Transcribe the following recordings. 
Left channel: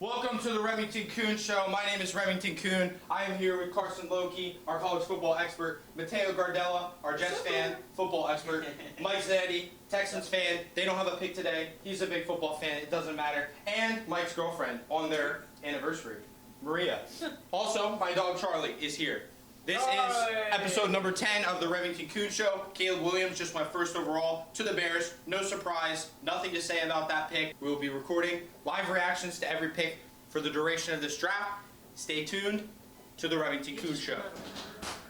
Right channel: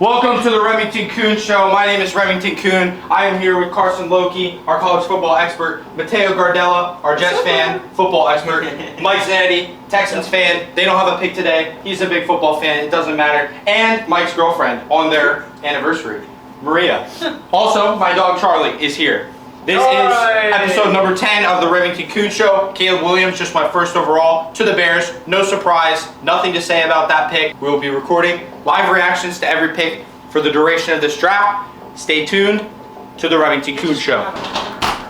Welcome to the Remington Kuhn Show. My name is Remington Kuhn. I am here with Carson, Lokey, our college football expert, Mateo Gardella, our Jets fan, football expert, Mike Zanetti, Texans fan. They don't have a pick today. He's a big football fan. It doesn't matter. And Mike's girlfriend on their anniversary, Maria. Also, my dog Charlie is here. This is episode number 10 of the Remington Kuhn Show. Caleb Williams, just my first overall to the Bears. No surprise, nothing to say about that pick. We'll be recording live reactions to every pick for the duration of this draft. Stay tuned to the Remington Kuhn Show.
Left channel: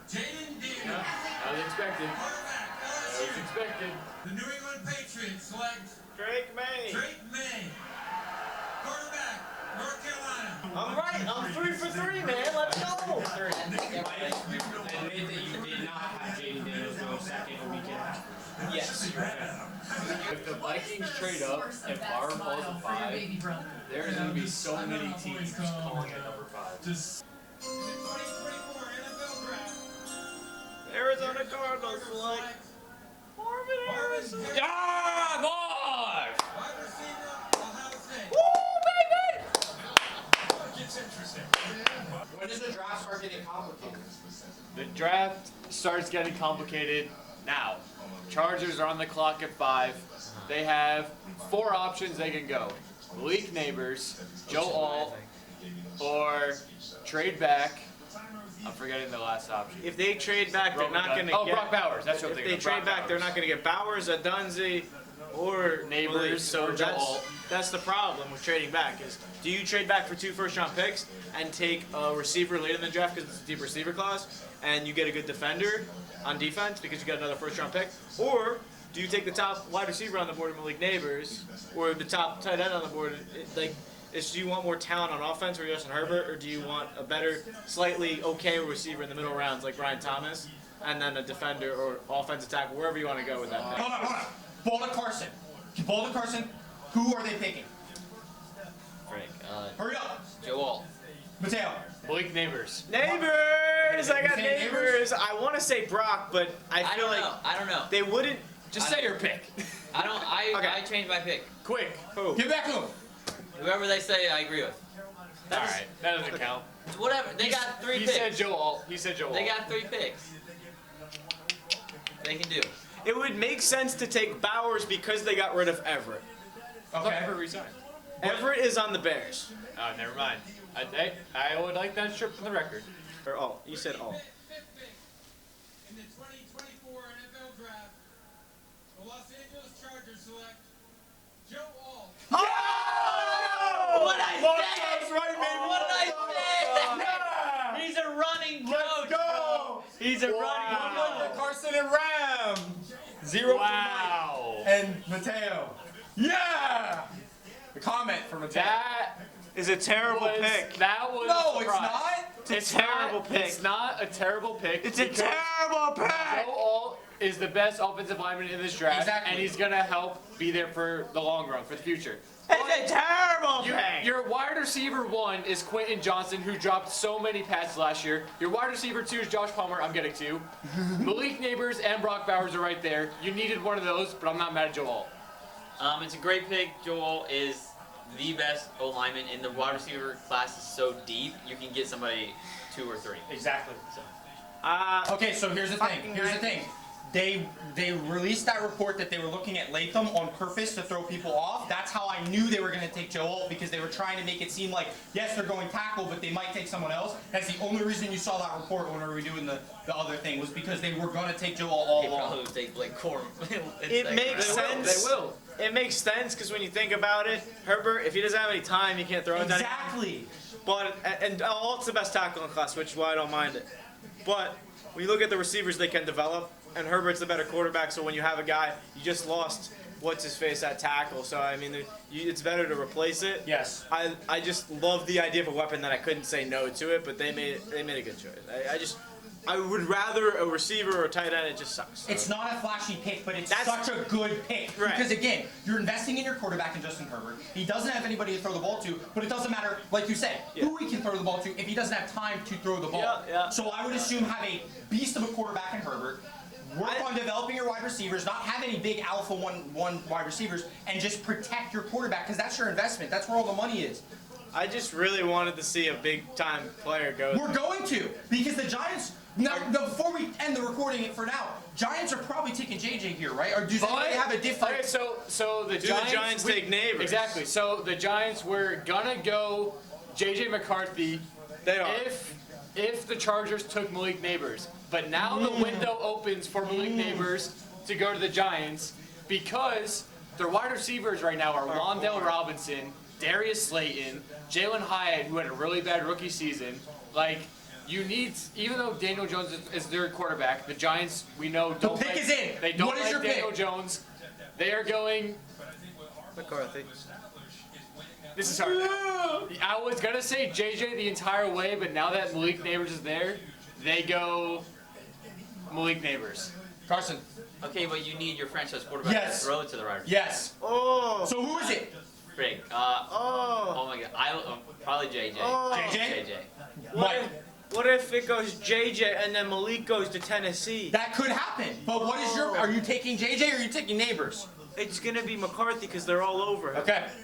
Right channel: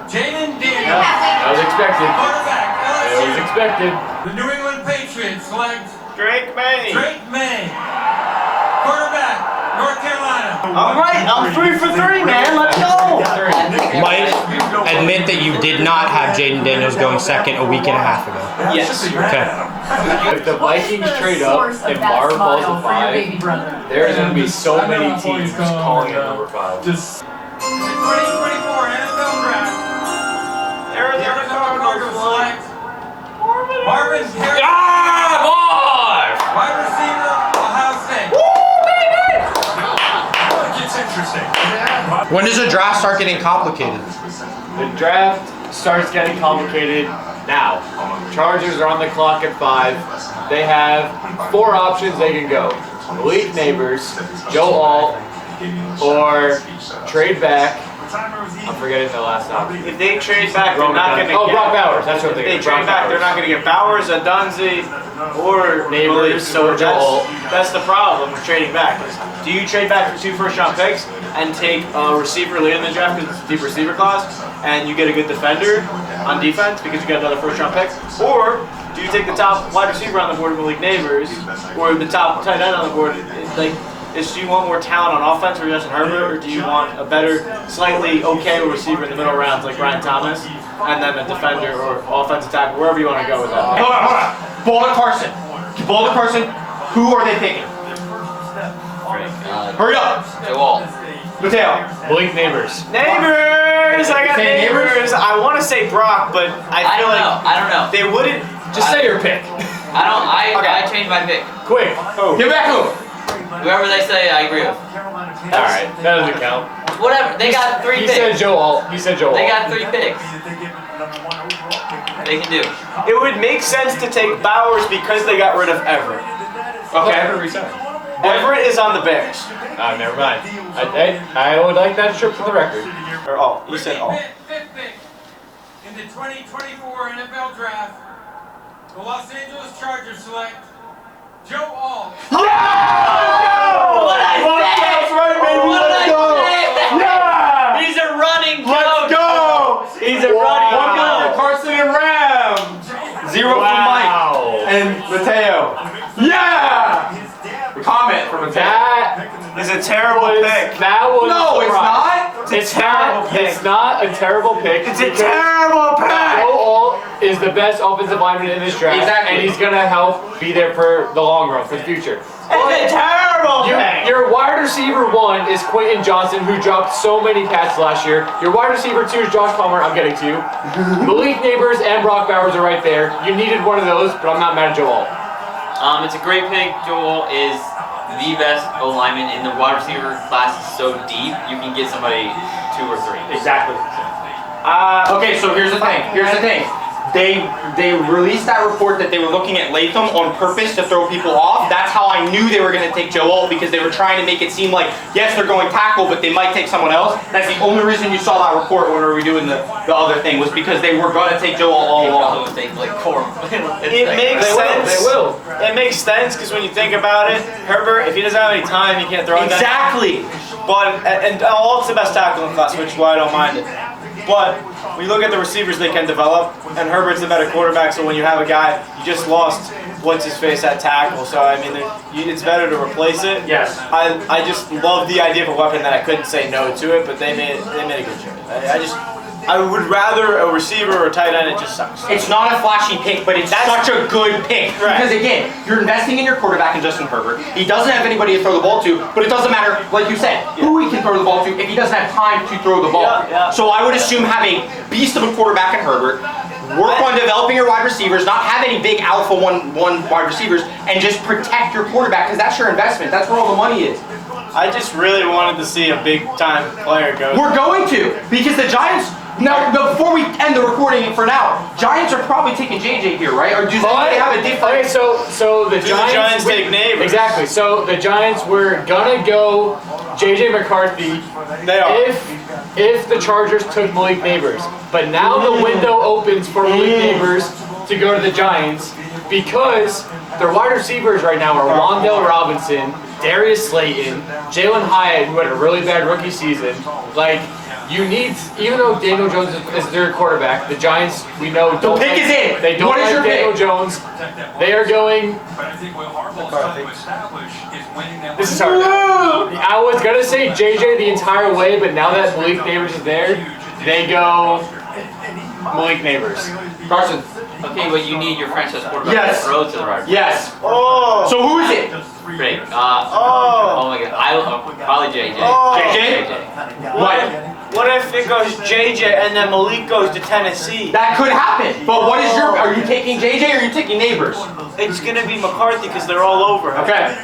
Jaden Daniels. That was expected. Quarterback, LSU. It was expected. The New England Patriots select Drake May. Drake May. Quarterback, North Carolina. All right, I'm 3 for 3, man. Let's go. Mike, admit that you did not have Jaden Daniels going second a week and a half ago. Yes. Okay. If the Vikings trade up and Barr falls to 5, there's going to be so many teams just calling it number 5. The 2024 NFL Draft. Arizona Cardinals select Marvin Harrison. Wide receiver, Ohio State. It gets interesting. When does the draft start getting complicated? The draft starts getting complicated now. Chargers are on the clock at 5. They have 4 options they can go. Malik Neighbors, Joe Alt, or trade back. I'm forgetting the last option. If they trade back, they're not going to get... Brock Bowers. That's what If they they get. trade back, they're not going to get Bowers, Adunzi, or Neighbors, So or Joe Alt. that's the problem with trading back. Do you trade back for 2 first-round picks and take a receiver late in the draft because it's a deep receiver class, and you get a good defender on defense because you get another first-round pick? Or do you take the top wide receiver on the board, Malik Neighbors, or the top tight end on the board? Like, do you want more talent on offense for Justin Herbert, or do you want a better, slightly okay receiver in the middle rounds like Brian Thomas, and then a defender or offensive tackle, wherever you want to go with that? Hold on. Ball to Carson. Ball to Carson. Who are they picking? Hurry up. Mateo. Malik Neighbors. Neighbors! I got Say Neighbors? neighbors. I want to say Brock, but I feel like I don't know. they wouldn't. Just say your pick. I changed my pick. Quick. Get back home. Whoever they say, I agree with. Alright, that doesn't count. Whatever. They got 3 He picks. said Joe Alt. He said Joe Alt. They got 3 picks. They can do. It would make sense to take Bowers because they got rid of Everett. Okay. Everett resigned. Everett is on the Bears. Never mind. I would like that trip for the record. Or you said all. Fifth pick in the 2024 NFL Draft, the Los Angeles Chargers select Joe Alt. What I say? Yeah! He's a running joke. Let's go! He's a running One joke. for Carson and Ram. 0 for Mike and Mateo. Yeah! Comment from Mateo. That It's a terrible pick. That was No, it's not. It's a terrible pick. It's not a terrible pick. It's a terrible Joe pick. Alt is the best offensive lineman in this draft, Exactly. and he's gonna help be there for the long run, for the future. It's a terrible pick. Your wide receiver 1 is Quentin Johnson, who dropped so many passes last year. Your wide receiver 2 is Josh Palmer. I'm getting to you. Malik Neighbors and Brock Bowers are right there. You needed one of those, but I'm not mad at Joe Alt. It's a great pick. Joel is the best O-lineman in the wide receiver class. Is so deep, you can get somebody 2 or 3. Exactly. Okay, so here's the thing. They released that report that they were looking at Latham on purpose to throw people off. That's how I knew they were going to take Joe Alt, because they were trying to make it seem like, yes, they're going tackle, but they might take someone else. That's the only reason you saw that report when we were doing the other thing, was because they were going to take Joe Alt all along. They think like core. It makes sense. They will. It makes sense because when you think about it, Herbert, if he doesn't have any time, he can't throw it. Exactly. But and Alt's the best tackle in class, which is why I don't mind it. But when you look at the receivers they can develop, and Herbert's the better quarterback, so when you have a guy, you just lost what's-his-face at tackle, so I mean, it's better to replace it. Yes. I just love the idea of a weapon that I couldn't say no to it, but they made a good choice. I would rather a receiver or a tight end. It just sucks. It's not a flashy pick, but it's such a good pick. Right. Because again, you're investing in your quarterback in Justin Herbert. He doesn't have anybody to throw the ball to, but it doesn't matter, like you said, who he can throw the ball to if he doesn't have time to throw the ball. Yeah. So I would assume have a beast of a quarterback in Herbert, work on developing your wide receivers, not have any big alpha one wide receivers, and just protect your quarterback, because that's your investment. That's where all the money is. I just really wanted to see a big-time player go. We're going to, because the Giants. Now, before we end the recording for now, Giants are probably taking JJ here, right? Or do they have a different? Okay, so the Giants take neighbors. Exactly. So the Giants were gonna go JJ McCarthy. They are. If the Chargers took Malik Neighbors, but now the window opens for Malik Neighbors to go to the Giants because their wide receivers right now are Wan'Dale Robinson, Darius Slayton, Jalen Hyatt, who had a really bad rookie season. Like, you need, even though Daniel Jones is their quarterback, the Giants, we know, don't pick is in. They don't What is like your Daniel pick? Jones. They are going. This is hard. I was gonna say JJ the entire way, but now that Malik Neighbors is there, they go Malik Neighbors. Carson. Okay, but you need your franchise quarterback Yes. to throw to the right. Yes. Oh. So who is it? Great. Oh. Oh my God. Probably JJ. Oh. JJ? What? What if it goes JJ and then Malik goes to Tennessee? That could happen. But what is your? Are you taking JJ or are you taking Neighbors? It's gonna be McCarthy because they're all over him. Okay.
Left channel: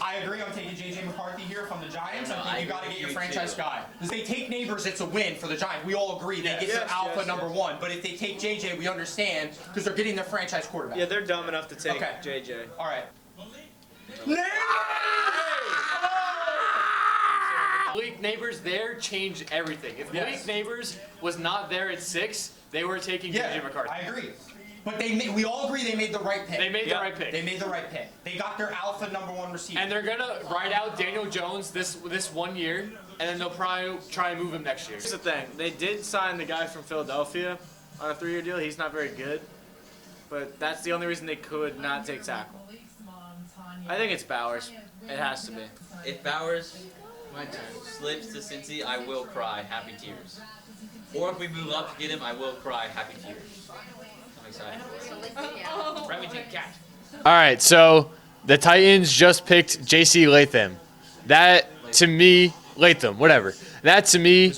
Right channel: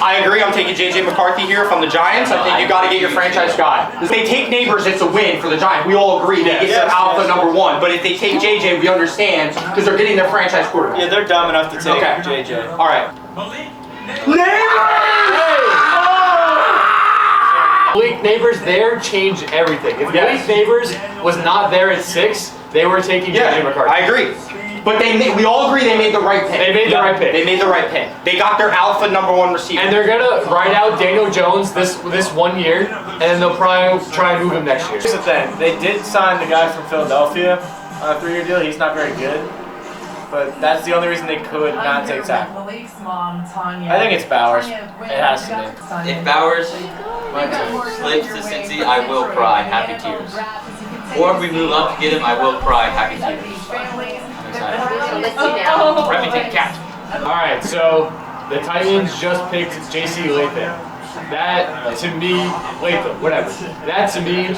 I agree. I'm taking JJ McCarthy here from the Giants. I think you got to get your franchise guy. If they take Neighbors, it's a win for the Giants. We all agree they get their alpha number one. But if they take JJ, we understand because they're getting their franchise quarterback. Yeah, they're dumb enough to take Okay. JJ. All right. Malik Neighbors there changed everything. If Malik Neighbors was not there at 6, they were taking JJ McCarthy. I agree. But we all agree they made the right pick. They made the right pick. They made the right pick. They got their alpha number one receiver. And they're gonna ride out Daniel Jones this 1 year, and then they'll probably try and move him next year. Here's the thing. They did sign the guy from Philadelphia on a 3-year deal. He's not very good. But that's the only reason they could not take Zach. I think it's Bowers. It has to be. If Bowers slips to Cincy, I will cry happy tears. Or if we move up to get him, I will cry happy tears. I'm excited. Remington catch. All right, so the Titans just picked J.C. Latham. That to me, Latham, whatever. That to me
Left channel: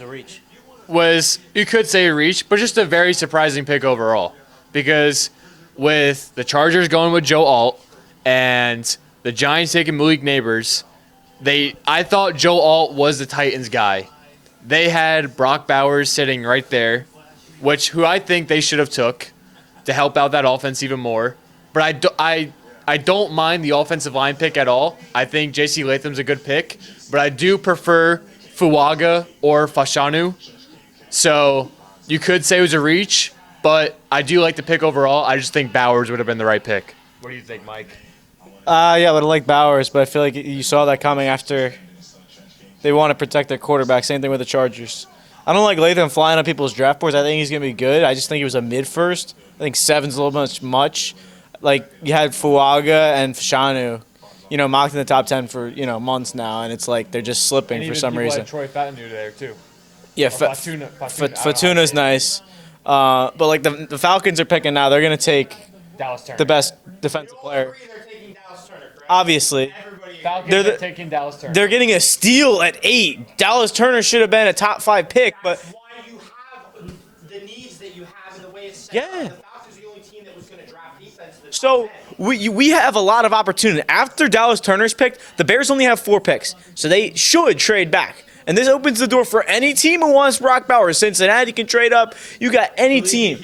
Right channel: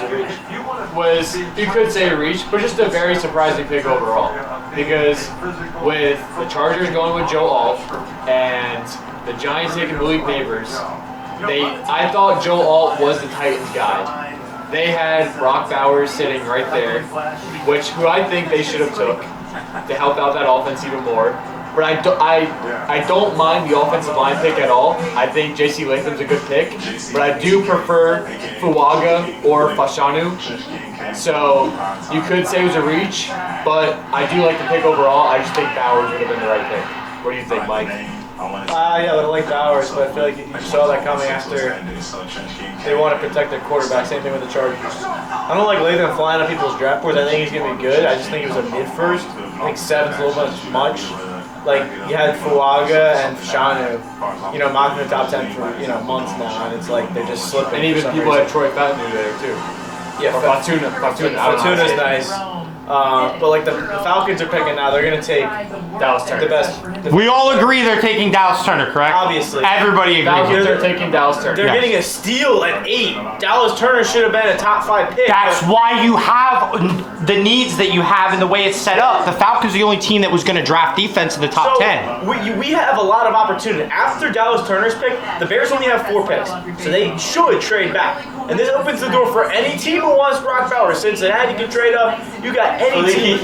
was, you could say a reach, but just a very surprising pick overall. Because with the Chargers going with Joe Alt and the Giants taking Malik Neighbors, I thought Joe Alt was the Titans guy. They had Brock Bowers sitting right there, who I think they should have took to help out that offense even more. But I don't mind the offensive line pick at all. I think J.C. Latham's a good pick, but I do prefer Fuaga or Fashanu. So you could say it was a reach, but I do like the pick overall. I just think Bowers would have been the right pick. What do you think, Mike? Yeah, but I like Bowers, but I feel like you saw that coming after they want to protect their quarterback. Same thing with the Chargers. I don't like Latham flying on people's draft boards. I think he's going to be good. I just think he was a mid-first. I think 7's a little much. Like, you had Fuaga and Fashanu, mocked in the top 10 for, months now, and it's like they're just slipping And for even some people reason. had Troy Fatanu there, too. Yeah, Fatuna's nice. But like the Falcons are picking now, they're gonna take Dallas Turner. the best. We all agree they're taking Dallas Turner, correct? Obviously. Everybody Falcons agrees. are taking Dallas Turner. They're getting a steal at 8. Dallas Turner should have been a top 5 pick. That's but why you have the needs that you have and the way it's set up. The Falcons are the only team that was going to draft defense in the top 10. we have a lot of opportunity. After Dallas Turner's pick, the Bears only have 4 picks, so they should trade back. And this opens the door for any team who wants Brock Bowers. Cincinnati can trade up. You got any team.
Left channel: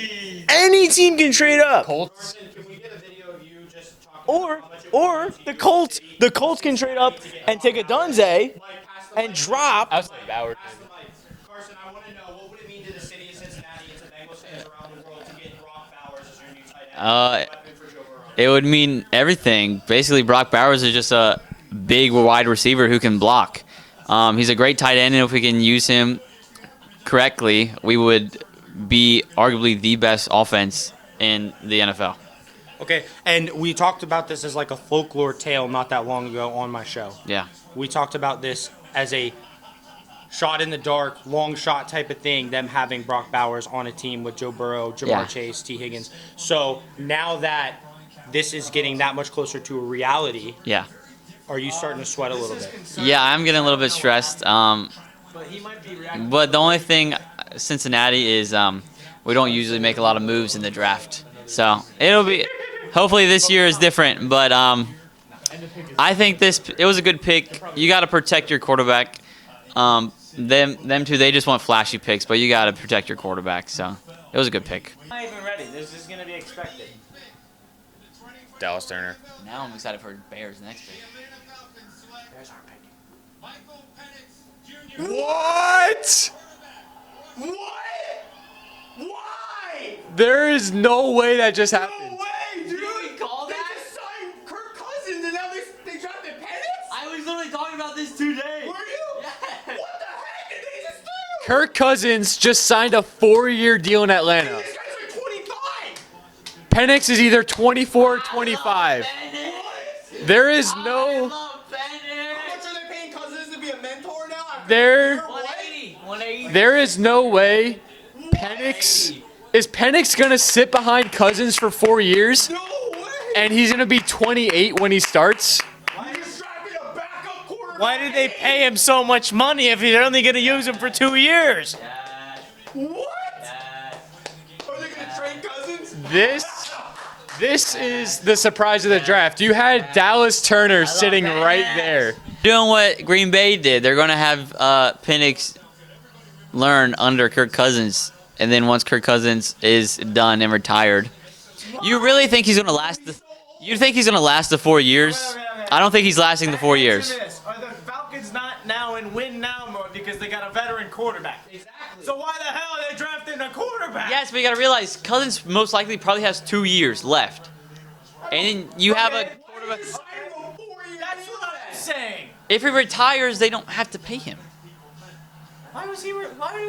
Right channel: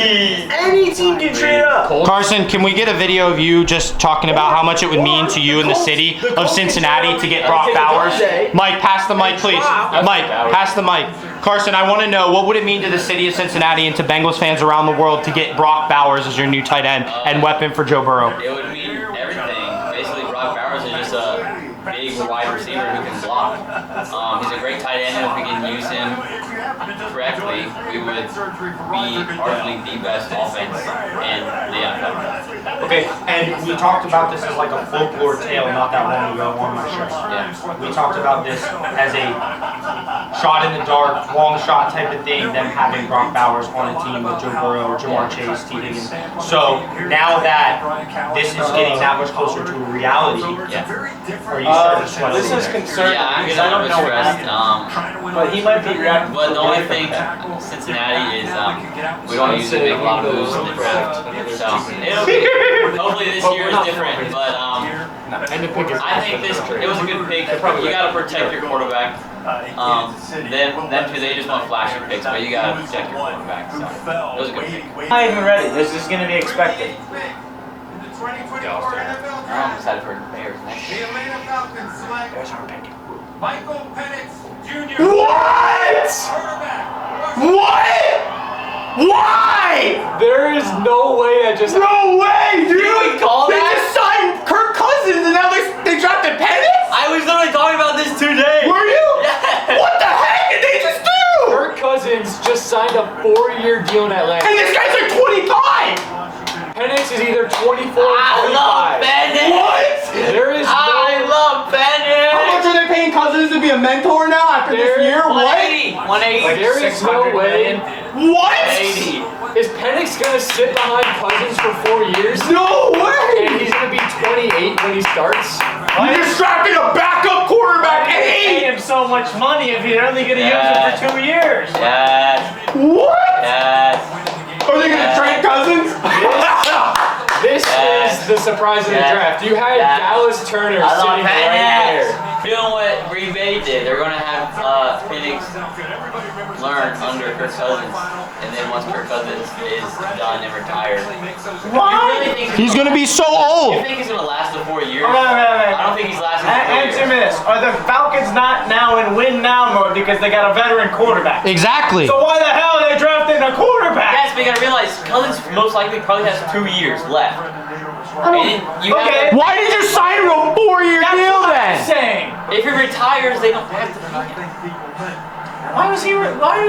Any team can trade up. Carson, can we get a video of you just talking about how much it would mean to you in the city of Cincinnati to get Brock Bowers? Mike, pass the mic, please. Mike, pass the mic. Carson, I want to know, what would it mean to the city of Cincinnati and to Bengals fans around the world to get Brock Bowers as your new tight end and weapon for Joe Burrow? It would mean everything. Basically, Brock Bowers is just a big wide receiver who can block. He's a great tight end, and if we can use him correctly, we would be arguably the best offense in the NFL. Okay, and we talked about this as like a folklore tale not that long ago on my show. Yeah. We talked about this as a shot in the dark, long shot type of thing, them having Brock Bowers on a team with Joe Burrow, Jamar Chase, T. Higgins. So now that this is getting that much closer to a reality, Yeah. are you starting to sweat a This little is bit? concerning. Yeah, I'm getting a little bit stressed. But he might be reacting. But the only thing, Cincinnati, is we don't usually make a lot of moves in the draft. So it'll be, hopefully this year is different. But And the pick is I think it was a good pick. You got to protect your quarterback. Them two, they just want flashy picks, but you got to protect your quarterback. So it was a good pick. Not even ready. This is going to be expected. Dallas turn. I'm excited for the Bears next The year. Atlanta Falcons select There's our pick. Michael Penix Jr. What? Quarterback. What? Why? There is no way that just happened. No way, dude! we call they that? just signed Kirk Cousins and now they drafted Penix? I was literally talking about this today. Were you? Yeah. What the heck did they just do? Kirk Cousins just signed a 4-year deal in Atlanta. And this guy's like 25! Penix is either 24 or 25. I love Penix. What? There is I no. love Penix. How much are they paying Cousins to be a mentor now after There- this year? What? 180. There is no way. What? 180. Is Penix gonna sit behind Cousins for 4 years? No way! And he's gonna be 28 when he starts? You just drafted a backup quarterback at They pay 8! him so much money if you're only going to use him for 2 years. Yes. What? Yes. Are they gonna trade Cousins? This is the surprise of the draft. You had Yeah. Dallas Turner I love sitting right Penix. there. Doing what Green Bay did. They're going to have Penix learn under Kirk Cousins. And then once Kirk Cousins is done and retired. You really think he's He's gonna be so old! You think he's going to last the 4 years? Wait. I don't think he's lasting the 4 years. Answer me this. Are the Falcons not now in win now mode because they got a veteran quarterback? Exactly. So why the hell are they drafting a quarterback? Yes, but you got to realize Cousins most likely probably has 2 years left. And you Okay. have Why did you sign him a 4-year That's deal what I'm then? saying. if he retires, they don't have to pay him. Why did he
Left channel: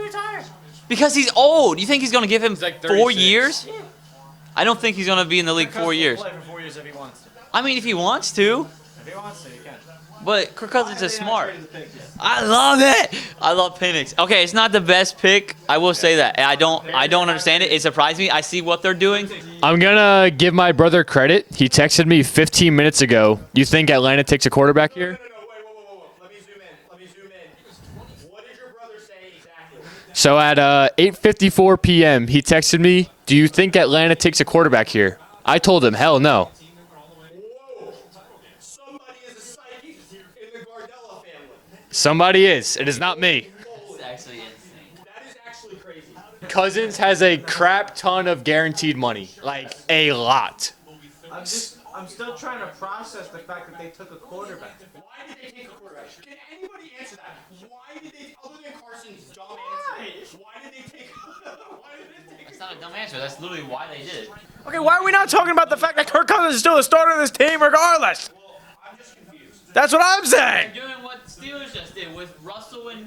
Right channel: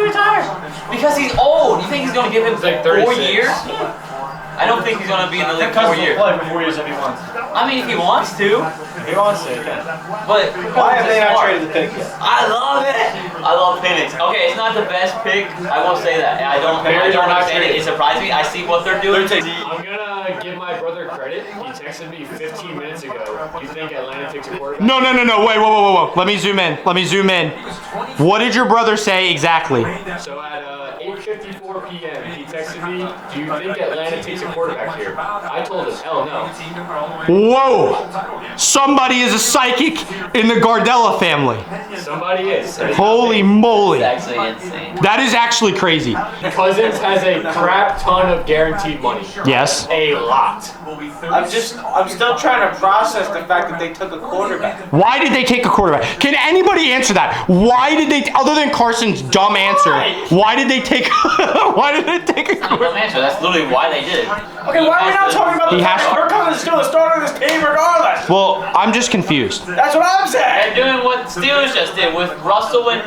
retire? Because he's old. You think he's going to give him like 4 36. years? I don't think he's going to be in the league 4 years. Play for 4 years if he wants. I mean, if he wants to. If he wants to, okay. But Kirk Why Cousins have is they not smart. traded the pick yet? I love it. I love Penix. Okay, it's not the best pick. I will say that. And I don't understand it. It surprised me. I see what they're doing. I'm gonna give my brother credit. He texted me 15 minutes ago. You think Atlanta takes a quarterback? No. Wait, whoa. Let me zoom in. What did your brother say exactly? So at 8:54 p.m., he texted me, "Do you think Atlanta takes a quarterback here?" I told him, "Hell no." Whoa! Somebody is a psychic in the Gardella family. Somebody is. And it's not Holy me. moly. It's actually insane. That is actually crazy. Cousins has a crap ton of guaranteed money. Yes. A lot. I'm still trying to process the fact that they took a quarterback. Why did they take a quarterback? Can anybody answer that? Why did they, other than Carson's dumb answer, why did they take a quarterback? Dumb answer. That's literally why they did it. Okay, why are we not talking about the He fact has that Kirk Cousins is still the starter of this team regardless? Well, I'm just confused. That's what I'm saying. They're doing what Steelers just did with Russell and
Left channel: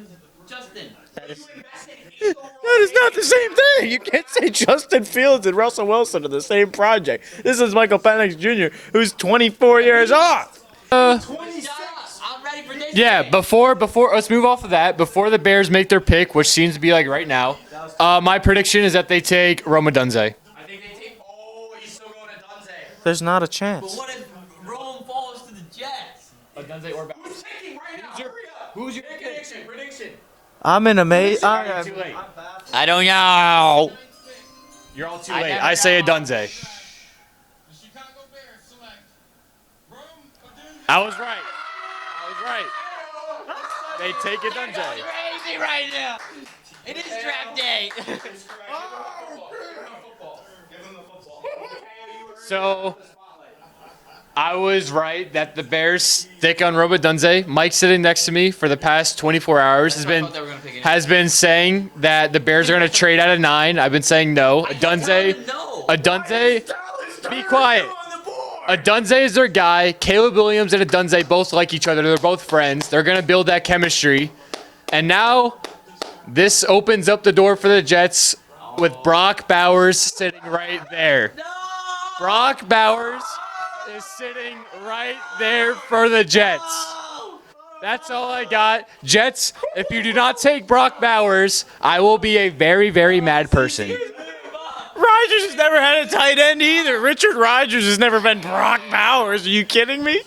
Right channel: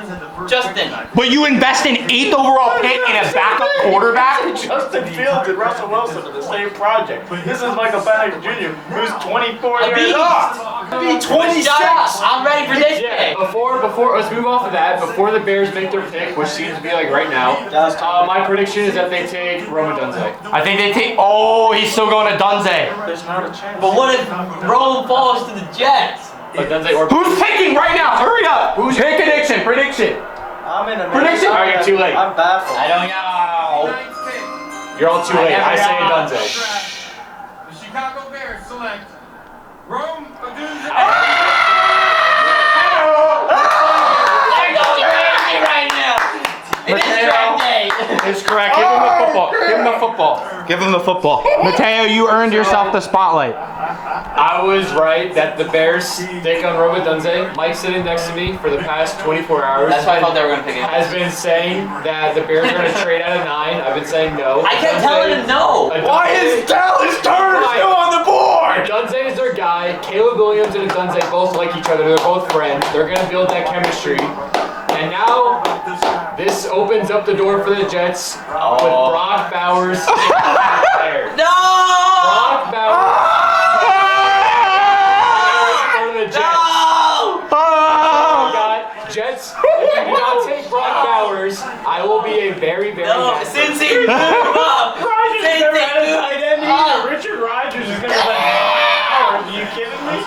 Justin. But you invest an 8th overall pick in a backup quarterback? Justin Fields and Russell Wilson in the same project. This is Michael Penix Jr., who's 24 years old. 26. Shut up. I'm ready for this Yeah, pick. before let's move off of that. Before the Bears make their pick, which seems to be like right now, my prediction is that they take Roma Dunze. I think they take, oh, he's still going to Dunze. There's not a chance. But what if Roland falls to the Jets? Like Dunze or Who's picking right now? Hurry up. Who's prediction? I'm in a Prediction. All right, you're too late. I'm baffled. I don't know. You're all too late. I say a Dunze. The Chicago Bears select Rome Odunze. They're going crazy right now. It is draft day. It's correct. Give him the football. Give him the football. Mateo, you earned yourself the spotlight. I was right that the Bears stick on Roma Dunze. Mike sitting next to me for the past 24 hours That's why I thought they were going to pick it. has been saying that the Bears are going to trade out of 9. I've been saying no. I kept telling them no. A Dunze. Dallas Turner quiet. still on the board? A Dunze is their guy. Caleb Williams and a Dunze both like each other. They're both friends. They're going to build that chemistry. And now, this opens up the door for the Jets with Brock Bowers sitting right there. No! Brock Bowers there for the Jets. No! That's all I got. Jets, if you do not take Brock Bowers, I will be a very, very mad person. Rodgers has never had a tight end either. Richard Rodgers has never been Brock Bowers. Bowers. Are you kidding me?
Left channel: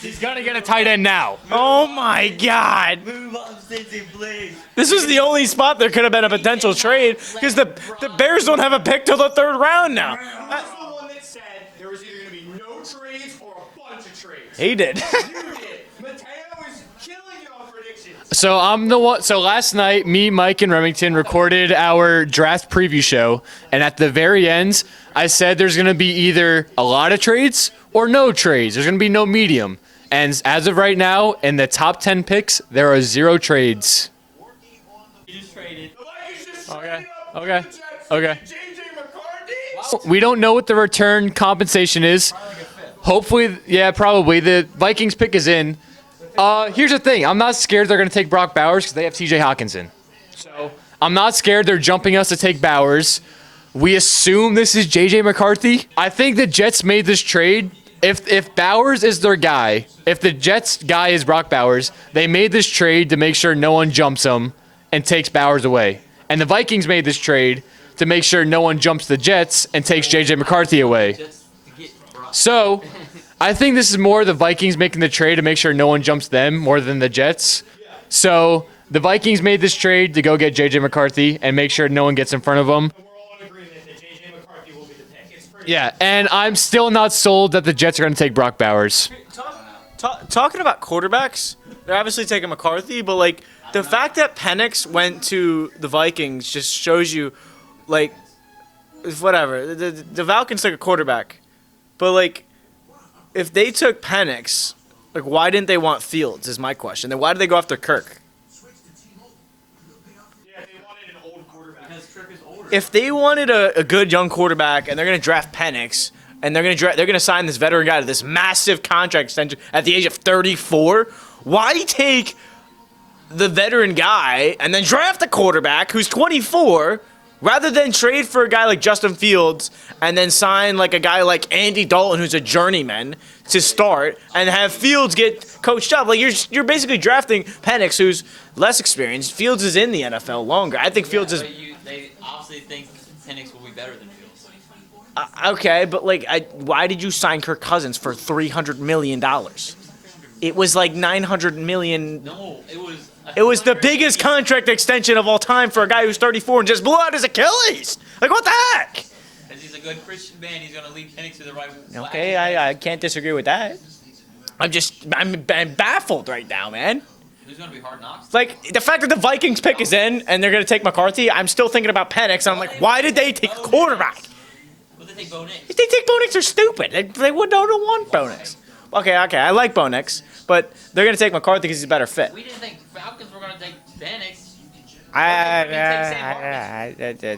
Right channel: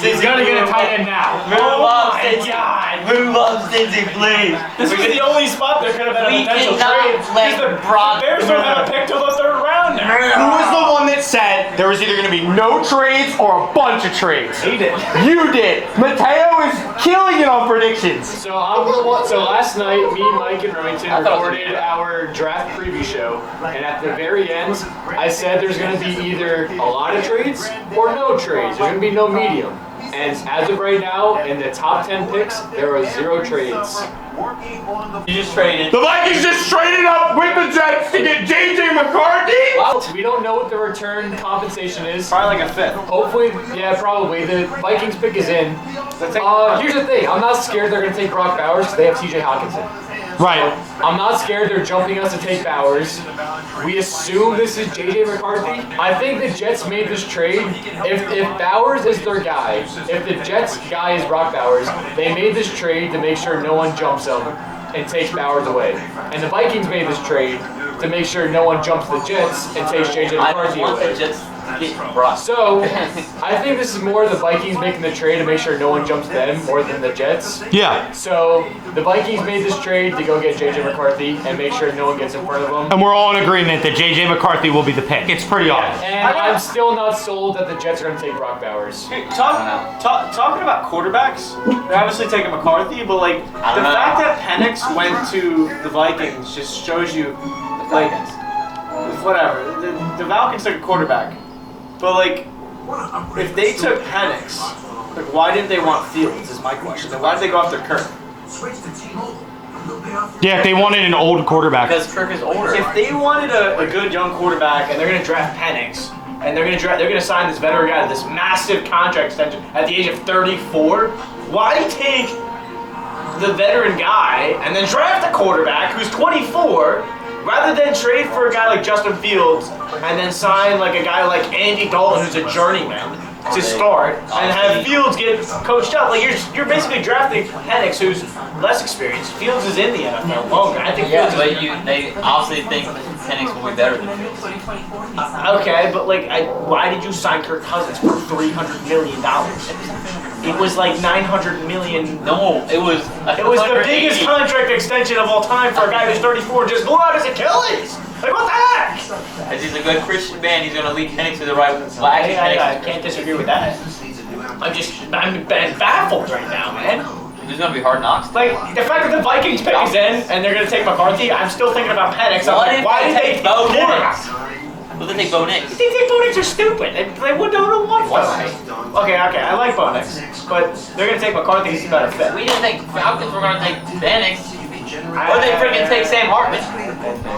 He's gonna get a tight end now. Oh my God! Move up, Cincy, please. This was the only spot there could have been a potential trade because the Bears don't have a pick till the 3rd round now. Who was the one that said there was either going to be no trades or a bunch of trades? He did. You did. Mateo is killing it on predictions. So I'm the one. So last night, me, Mike, and Remington recorded our draft preview show, and at the very end, I said there's going to be either a lot of trades or no trades. There's going to be no medium. And as of right now, in the top 10 picks, there are 0 trades. You just traded. The Vikings just traded up with the Jets to get J.J. McCarthy. We don't know what the return compensation is. Probably like a 5th. Hopefully, yeah, probably. The Vikings pick is in. Here's the thing. I'm not scared they're going to take Brock Bowers because they have T.J. Hawkinson. Right. I'm not scared they're jumping us to take Bowers. We assume this is J.J. McCarthy. I think the Jets made this trade. If Bowers is their guy, if the Jets guy is Brock Bowers, they made this trade to make sure no one jumps him and takes Bowers away. And the Vikings made this trade to make sure no one jumps the Jets and takes J.J. McCarthy away. So, I think this is more the Vikings making the trade to make sure no one jumps them more than the Jets. Yeah. So, the Vikings made this trade to go get J.J. McCarthy and make sure no one gets in front of them. And we're all in agreement that J.J. McCarthy will be the pick. It's pretty obvious. And I'm still not sold that the Jets are going to take Brock Bowers. Talking about quarterbacks, they're obviously taking McCarthy, but like the fact that Penix went to the Vikings just shows you, like, whatever. The Falcons took a quarterback, but like, if they took Penix, like, why didn't they want Fields? Is my question. Then why did they go after Kirk? Yeah, if they wanted an old quarterback. Because Kirk is older. If they wanted a good young quarterback and they're going to draft Penix and they're going to sign this veteran guy to this massive contract extension at the age of 34, why take the veteran guy and then draft a quarterback who's 24 rather than trade for a guy like Justin Fields and then sign like a guy like Andy Dalton who's a journeyman to start and have Fields get coached up? Like you're basically drafting Penix who's less experienced. Fields is in the NFL longer. I think Fields is. But they obviously think Penix will be better than Fields. Okay, but like, why did you sign Kirk Cousins for $300 million? It was like $900 million. No, it was. It was the biggest contract extension of all time for a guy who's 34 and just blew out his Achilles. Like, what the heck? As he's a good Christian man, he's going to lead Penix to the right flag. I can't disagree with that. I'm baffled right now, man. There's going to be hard knocks. Like, the fact that the Vikings pick is in and they're going to take McCarthy, I'm still thinking about Penix. I'm like, why did they take quarterback? Well, then they take Bo Nix. If they take Bo Nix, they're stupid. They don't want Bo Nix. Okay, I like Bo Nix, but they're going to take McCarthy because he's a better fit. We didn't think Falcons were going to take Penix. Or they could have take Sam Hartman.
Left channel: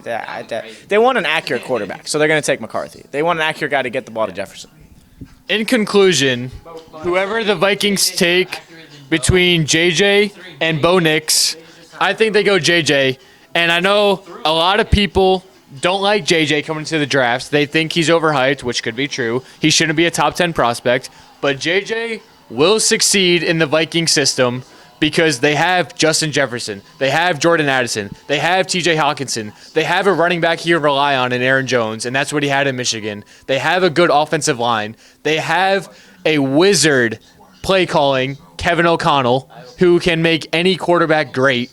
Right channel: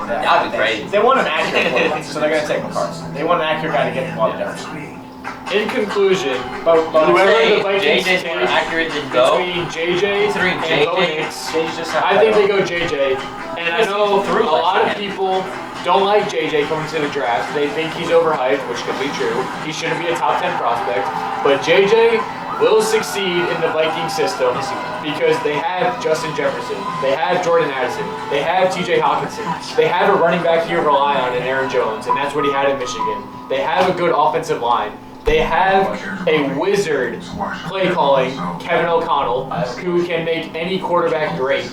That would be great. They want an accurate quarterback, so they're going to take McCarthy. They want an accurate guy to get the ball to Jefferson. In conclusion, whoever the Vikings take between JJ and Bo Nix, I think they go JJ. And I know a lot of people don't like JJ coming to the drafts. They think he's overhyped, which could be true. He shouldn't be a top 10 prospect. But JJ will succeed in the Viking system because they have Justin Jefferson. They have Jordan Addison. They have TJ Hawkinson. They have a running back here to rely on in Aaron Jones, and that's what he had in Michigan. They have a good offensive line. They have a wizard play calling, Kevin O'Connell, who can make any quarterback great.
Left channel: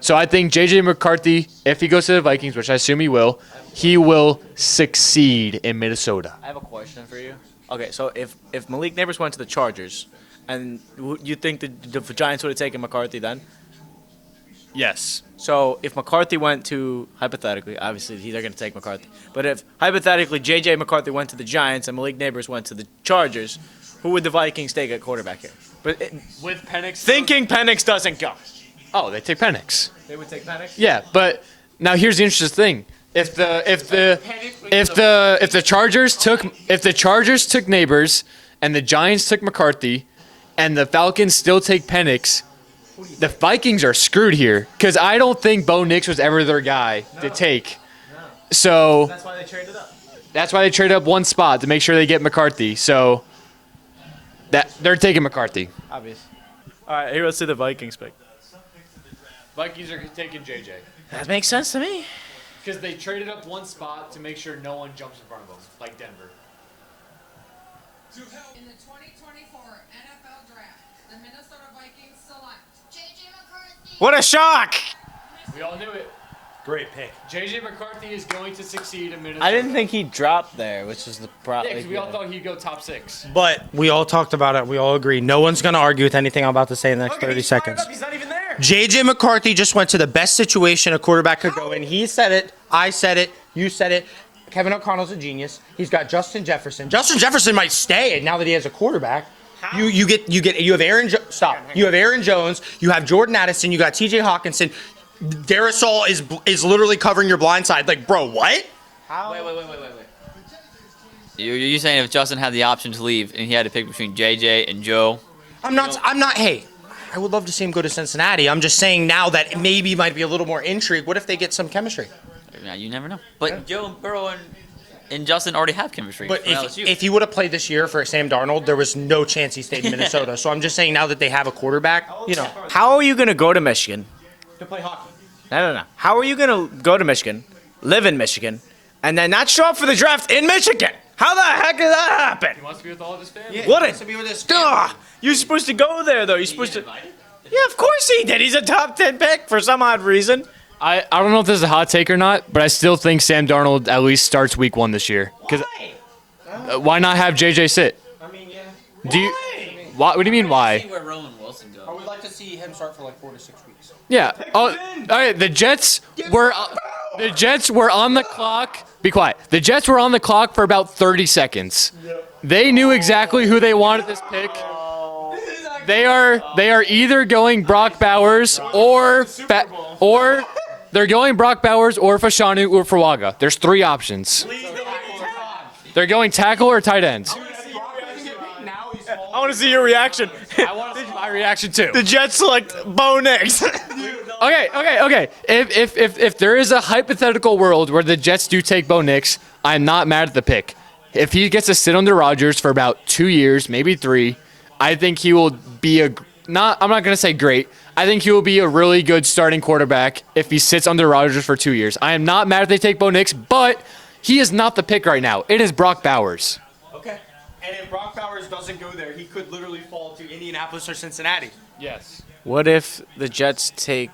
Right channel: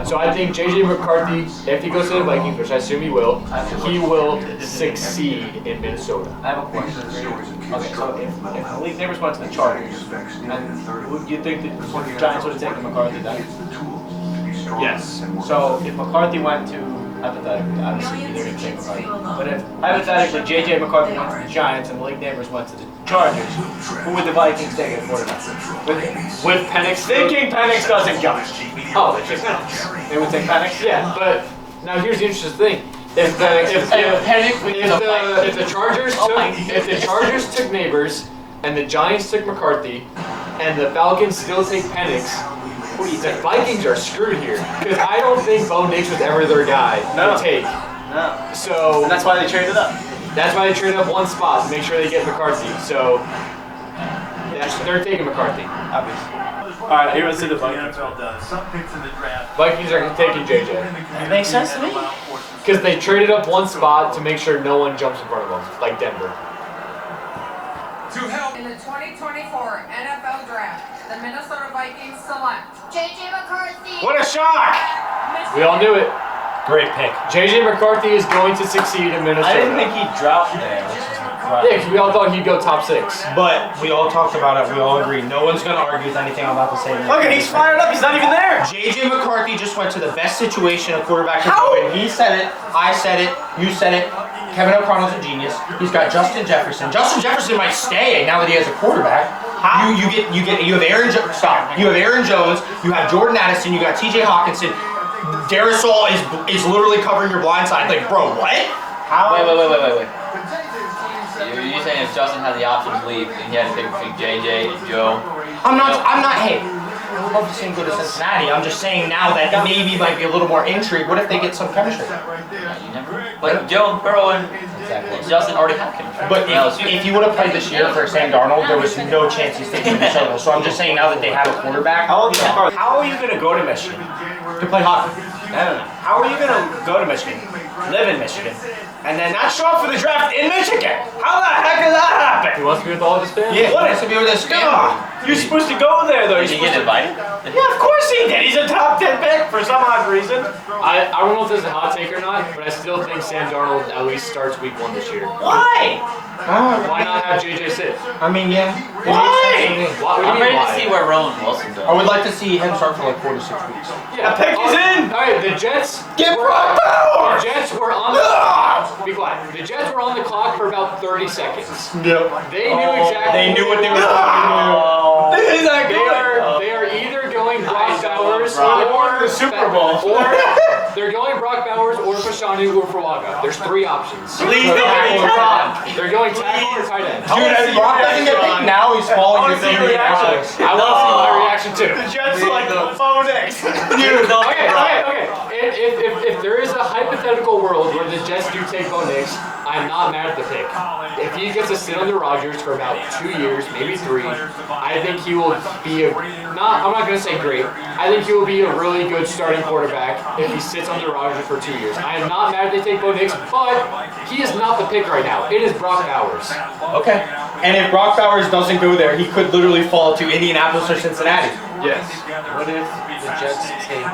So I think J.J. McCarthy, if he goes to the Vikings, which I assume he will succeed in Minnesota. I have a question for you. Okay, so if Malik Neighbors went to the Chargers, then would you think that the Giants would have taken McCarthy then? Yes. So if McCarthy went to, hypothetically, obviously they're going to take McCarthy, but if hypothetically J.J. McCarthy went to the Giants and Malik Neighbors went to the Chargers, who would the Vikings take at quarterback? With Penix. Thinking Penix doesn't go. Oh, they take Penix. They would take Penix? Yeah, but now here's the interesting thing. If the Chargers took Neighbors and the Giants took McCarthy and the Falcons still take Penix, the Vikings are screwed here because I don't think Bo Nix was ever their guy to take. No. So And that's why they traded up. that's why they traded up one spot to make sure they get McCarthy. So that they're taking McCarthy. Obviously. All right, here, let's see the Vikings. Vikings are taking JJ That makes sense to me. because they traded up one spot to make sure no one jumps in front of them, like Denver. to help. In the 2024 NFL Draft, the Minnesota Vikings select JJ McCarthy. What a shock! We all knew it. Great pick. JJ McCarthy is going to succeed in Minnesota. I didn't think he'd drop there, which is the problem. Yeah, because we all thought he'd go top 6. But we all talked about it. We all agree. No one's going to argue with anything I'm about to say in the next Look, 30 he's fired seconds. up. He's not even there. JJ McCarthy just went to the best situation a quarterback could go in. He said it, I said it, you said it. Kevin O'Connell's a genius. He's got Justin Jefferson. Justin Jefferson might stay now that he has a quarterback. You have Aaron stop. You have Aaron Jones, you have Jordan Addison, you got TJ Hawkinson. Darisol is literally covering your blind side. Like, bro, what? Wait. You're saying if Justin had the option to leave and he had to pick between JJ and Joe? I'm not, hey, I would love to see him go to Cincinnati. I'm just saying now that maybe might be a little more intrigue. What if they get some chemistry? Yeah, you never know. But Joe and Burrow and Justin already have chemistry. But if he would have played this year for Sam Darnold, there was no chance he stayed in Minnesota. So I'm just saying now that they have a quarterback, How are you going to go to Michigan? to play hockey. I don't know. How are you going to go to Michigan, live in Michigan, and then not show up for the draft in Michigan? How the heck did that happen? He wants to be with all of his family. Yeah, What what is- to be with this You're supposed to go there, though. You're Did he supposed get to. invited? Yeah, of course he did. He's a top 10 pick for some odd reason. I don't know if this is a hot take or not, but I still think Sam Darnold at least starts week 1 this year. Why? Why not have JJ sit? I mean, yeah. What do you mean I'm ready to see why? where Rowan Wilson's I going. would like to see him start for like 4 to 6 weeks. Yeah. pick is in. All right, the Jets were Brock Bowers! the Jets were on the clock. Be quiet. The Jets were on the clock for about 30 seconds. They knew exactly who they wanted. They are either going Brock Bowers or they're going Brock Bowers or Fashanu or Fuaga. There's 3 options. They're going tackle or tight end. Dude, if Brock doesn't get picked now, he's falling. I want to see your reaction. I want to see my reaction too. The Jets select Bo Nix. Okay. If there is a hypothetical world where the Jets do take Bo Nix, I'm not mad at the pick. If he gets to sit under Rodgers for about 2 years, maybe 3, I think he will be I'm not gonna say great. I think he will be a really good starting quarterback if he sits under Rodgers for 2 years. I am not mad if they take Bo Nix, but he is not the pick right now. It is Brock Bowers. Okay. And if Brock Bowers doesn't go there, he could literally fall to Indianapolis or Cincinnati. Yes. What if the Jets take?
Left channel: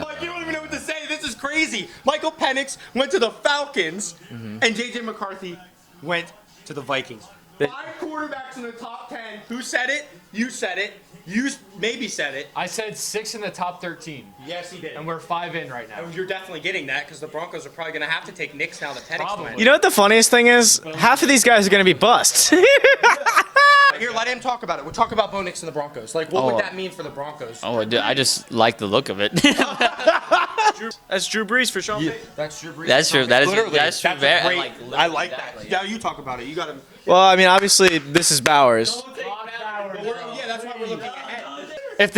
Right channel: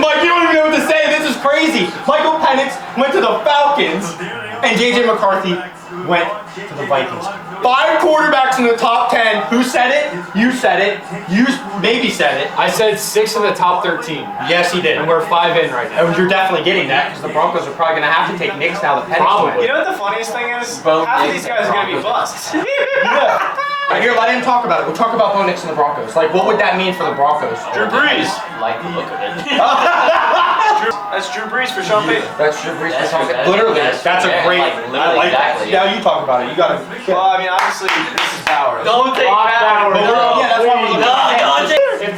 Mike, you don't even know what to say. This is crazy. Michael Penix went to the Falcons, and JJ McCarthy went to the Vikings. 5 quarterbacks in the top 10. Who said it? You said it. You maybe said it. I said 6 in the top 13, Yes, he did. and we're 5 in right now. And you're definitely getting that because the Broncos are probably going to have to take Knicks now that Penix Probably. went. You know what the funniest thing is? Half of these guys are going to be busts. Right here, let him talk about it. We'll talk about Bo Nix and the Broncos. Like, what would that mean for the Broncos? I just like the look of it. That's Drew Brees for Sean Payton. That's true. That's true. That is- Literally, that's that's true. a great. Like, I literally, like that. exactly. Yeah, you talk about it. You got to. Well, I mean, obviously, this is Bowers. Don't take Bowers. Yeah, that's why we're looking at it. No, If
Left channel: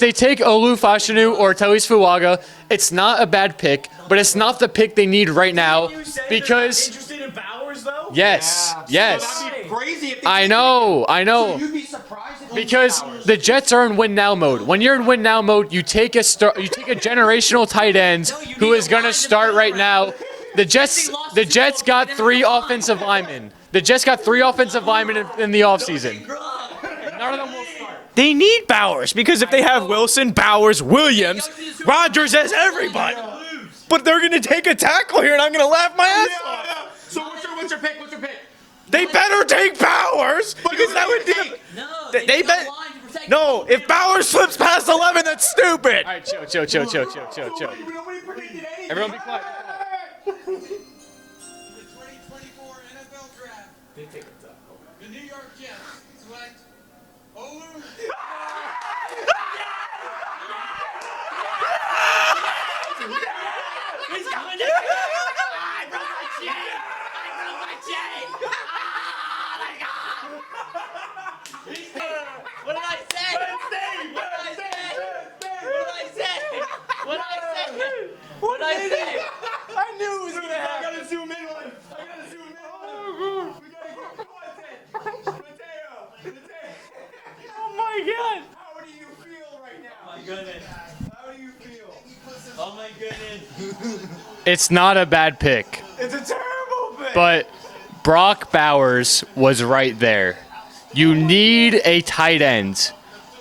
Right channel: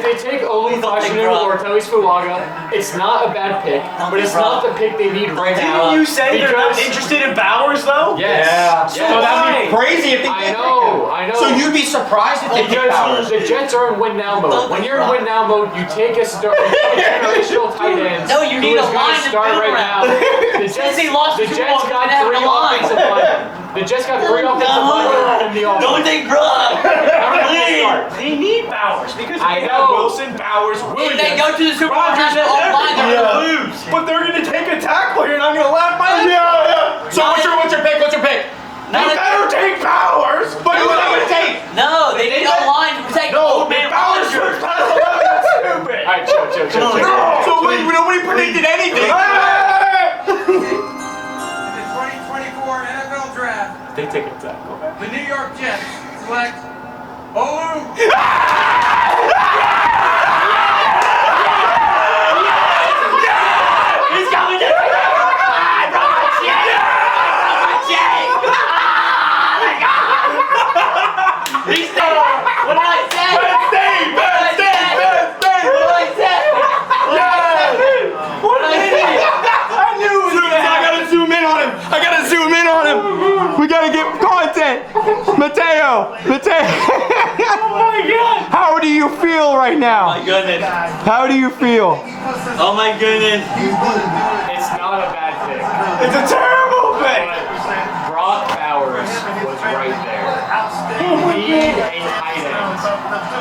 they take Olu Fashanu or Telis Fuaga, it's not a bad pick, but it's not the pick they need right now. Didn't you say they're not because interested in Bowers though? yes, So that'd be yes. crazy if they I did know. So you'd be surprised if they did Because Bowers. the Jets are in win now mode. When you're in win now mode, you take a generational tight end No, you who need is a going line to to start build right now. around. The Jets They lost the two Jets of got them, 3 they have a line. offensive linemen. The Jets got 3 offensive linemen in the Don't offseason. take Brock. Please. They need Bowers because if they I have know. Wilson, Bowers, They Williams, go to the Super Bowl, Rodgers, have that's the whole line everybody. gonna lose. But they're going to take a tackle here, and I'm going to laugh my ass off. So what's your pick? What's your pick? They better take Bowers. But who's that going to take? No, they need a line to protect the No, old if man. Bowers slips past 11, that's stupid. All right, chill. So nobody predicted anything. In the 2024 NFL Draft, They take a tackle. the New York Jets select Olu. He's coming to He's staying. What did I say? What did I say? What did I say? I knew it was I gotta zoom in on him. We gotta get content. Mateo. Oh my God. How do you feel right now? My goodness. How do you feel? Oh my goodness. It's not a bad pick. It's a terrible but Brock Bowers was right there. You need a tight end.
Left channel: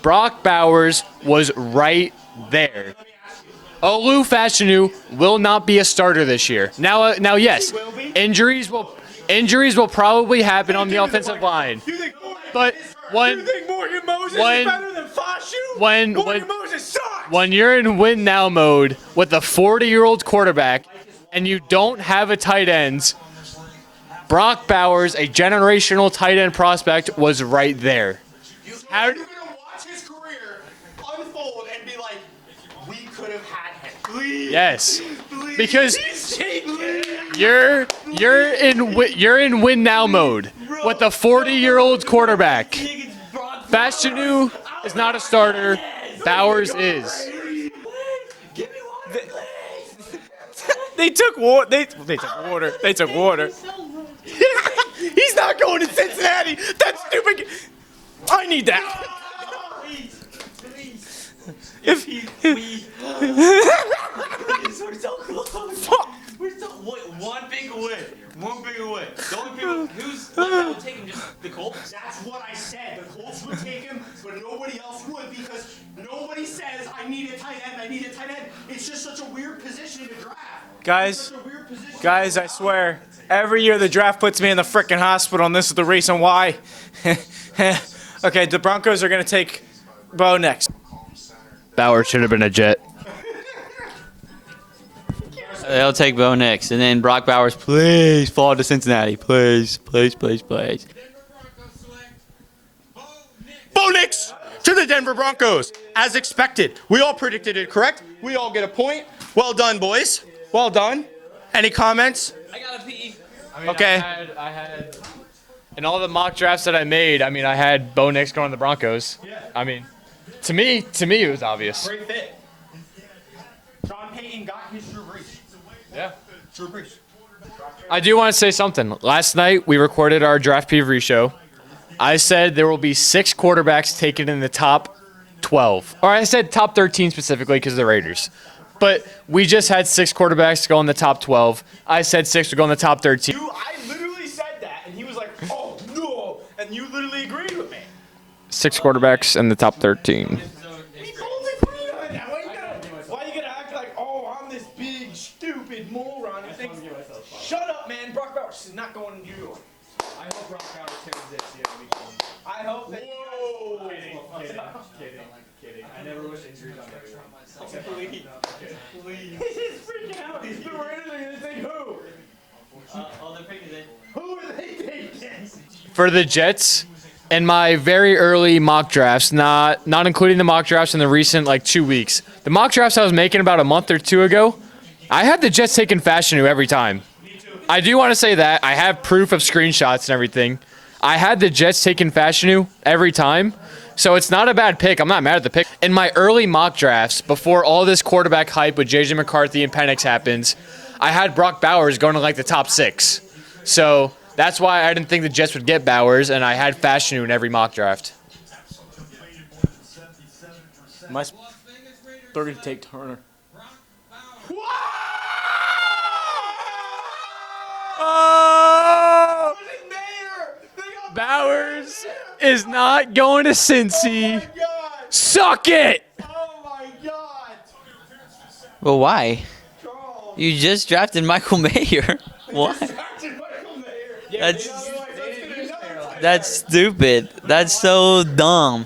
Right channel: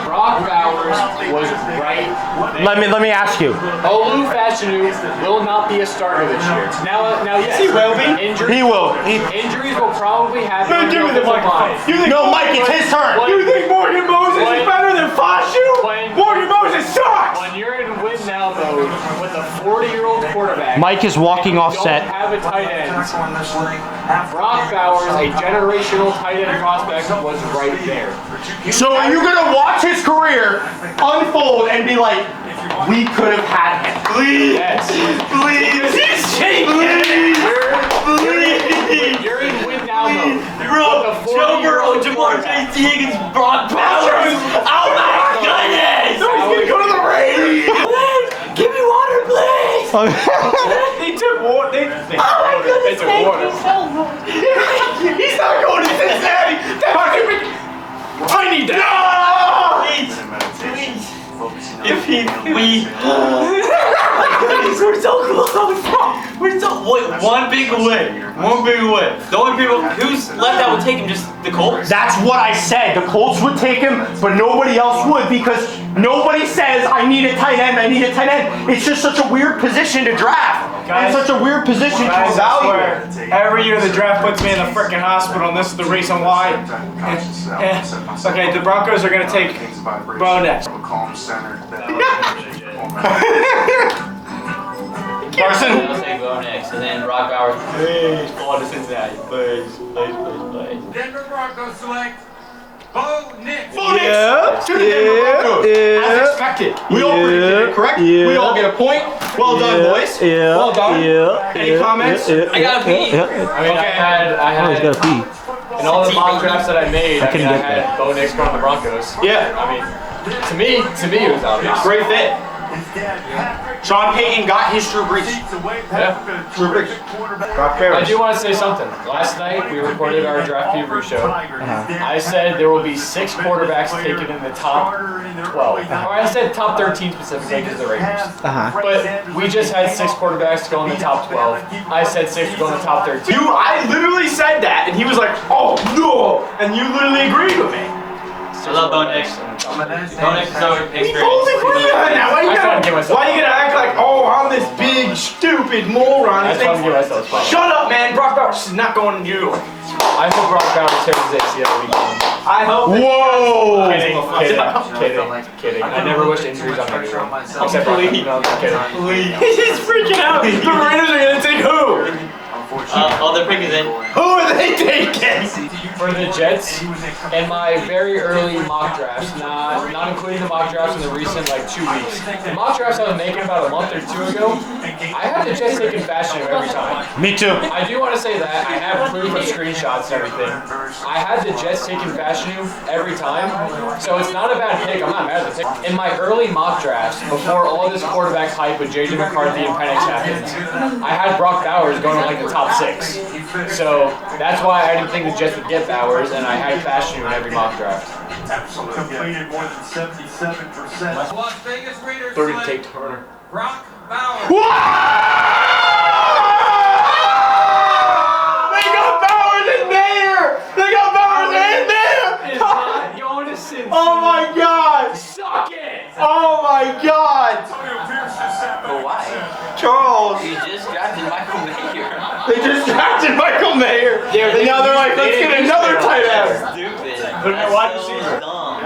Brock Bowers was right there. Let me ask you. Olu Fashanu will not be a starter this year. Now, yes, He will be. injuries. He will. Injuries will probably happen on the offensive line. No, Mike, it's his turn. You think Morgan Moses is better than Fashu? Morgan Moses sucks. When you're in win now mode with a 40-year-old quarterback, Mike is and walking you off don't set. have a tight end, Brock Bowers, a generational tight end prospect, was right there. So are you gonna watch his career unfold and be like, we could have had him? Please. Yes. Please. Because you're in win now mode with a 40-year-old quarterback. Fashanu is not a starter. Bowers is. Give me water, please. They took water. They took water. He's not going to Cincinnati. I need that. Please. If he, we're so close. We're so one big win. One big win. The only people who's left that would take him just the Colts. That's what I said. The Colts would take him, but nobody else would because nobody says I need a tight end. I need a tight end. It's just such a weird position to draft. Guys, it's such a weird position Guys, to I evaluate. swear, every year the draft puts me in the frickin' hospital, and this is the reason why. Okay, the Broncos are gonna take Bo next. Bowers should have been a Jet. Carson. They'll take Bo next, and then Brock Bowers, please fall to Cincinnati, please. Denver Broncos select Bo Nix. Bo Nix to the Denver Broncos, as expected. We all predicted it, correct? We all get a point. Well done, boys. Well done. Any comments? I gotta pee. Okay. I had in all the mock drafts that I made, I had Bo Nix going to the Broncos. Yeah. I mean, to me, it was obvious. Great fit. Sean Payton got his Drew Brees. Drew Brees. I do want to say something. Last night we recorded our draft preview show. I said there will be 6 quarterbacks taken in the top 12. Or I said top 13 specifically because of the Raiders. But we just had 6 quarterbacks go in the top 12. I said 6 to go in the top 13. I literally said that, and he was like, "Oh no!" And you literally agreed with me. 6 quarterbacks in the top 13. Why you gonna act like, "Oh, I'm this big stupid moron"? Shut up, man. Brock Bowers is not going to you. I hope Brock Bowers tears his ACL weekend. I hope. Whoa! Kidding. I never wish injuries on anyone. Except for kidding. He's freaking out. The Raiders are gonna take who? All their pick is in. Who are they taking? For the Jets, in my very early mock drafts, not including the mock drafts in the recent 2 weeks, the mock drafts I was making about a month or 2 ago, I had the Jets taking Fashanu every time. Me too. I do want to say that. I have proof of screenshots and everything. I had the Jets taking Fashanu every time, so it's not a bad pick. I'm not mad at the pick. In my early mock drafts, before all this quarterback hype with J.J. McCarthy and Penix happens, I had Brock Bowers going to the top 6. So that's why I didn't think the Jets would get Bowers, and I had Fashanu in every mock draft. Completed more than 77%. Las Vegas Raiders Third to select take Turner. Brock Bowers. Is not going to Cincy. Oh my God! Suck it! Oh my God! Well, why? Charles, You just drafted Michael Mayer. they just drafted Michael Mayer. Yeah, but now they're like, let's get another tight end. That's stupid. That's so dumb.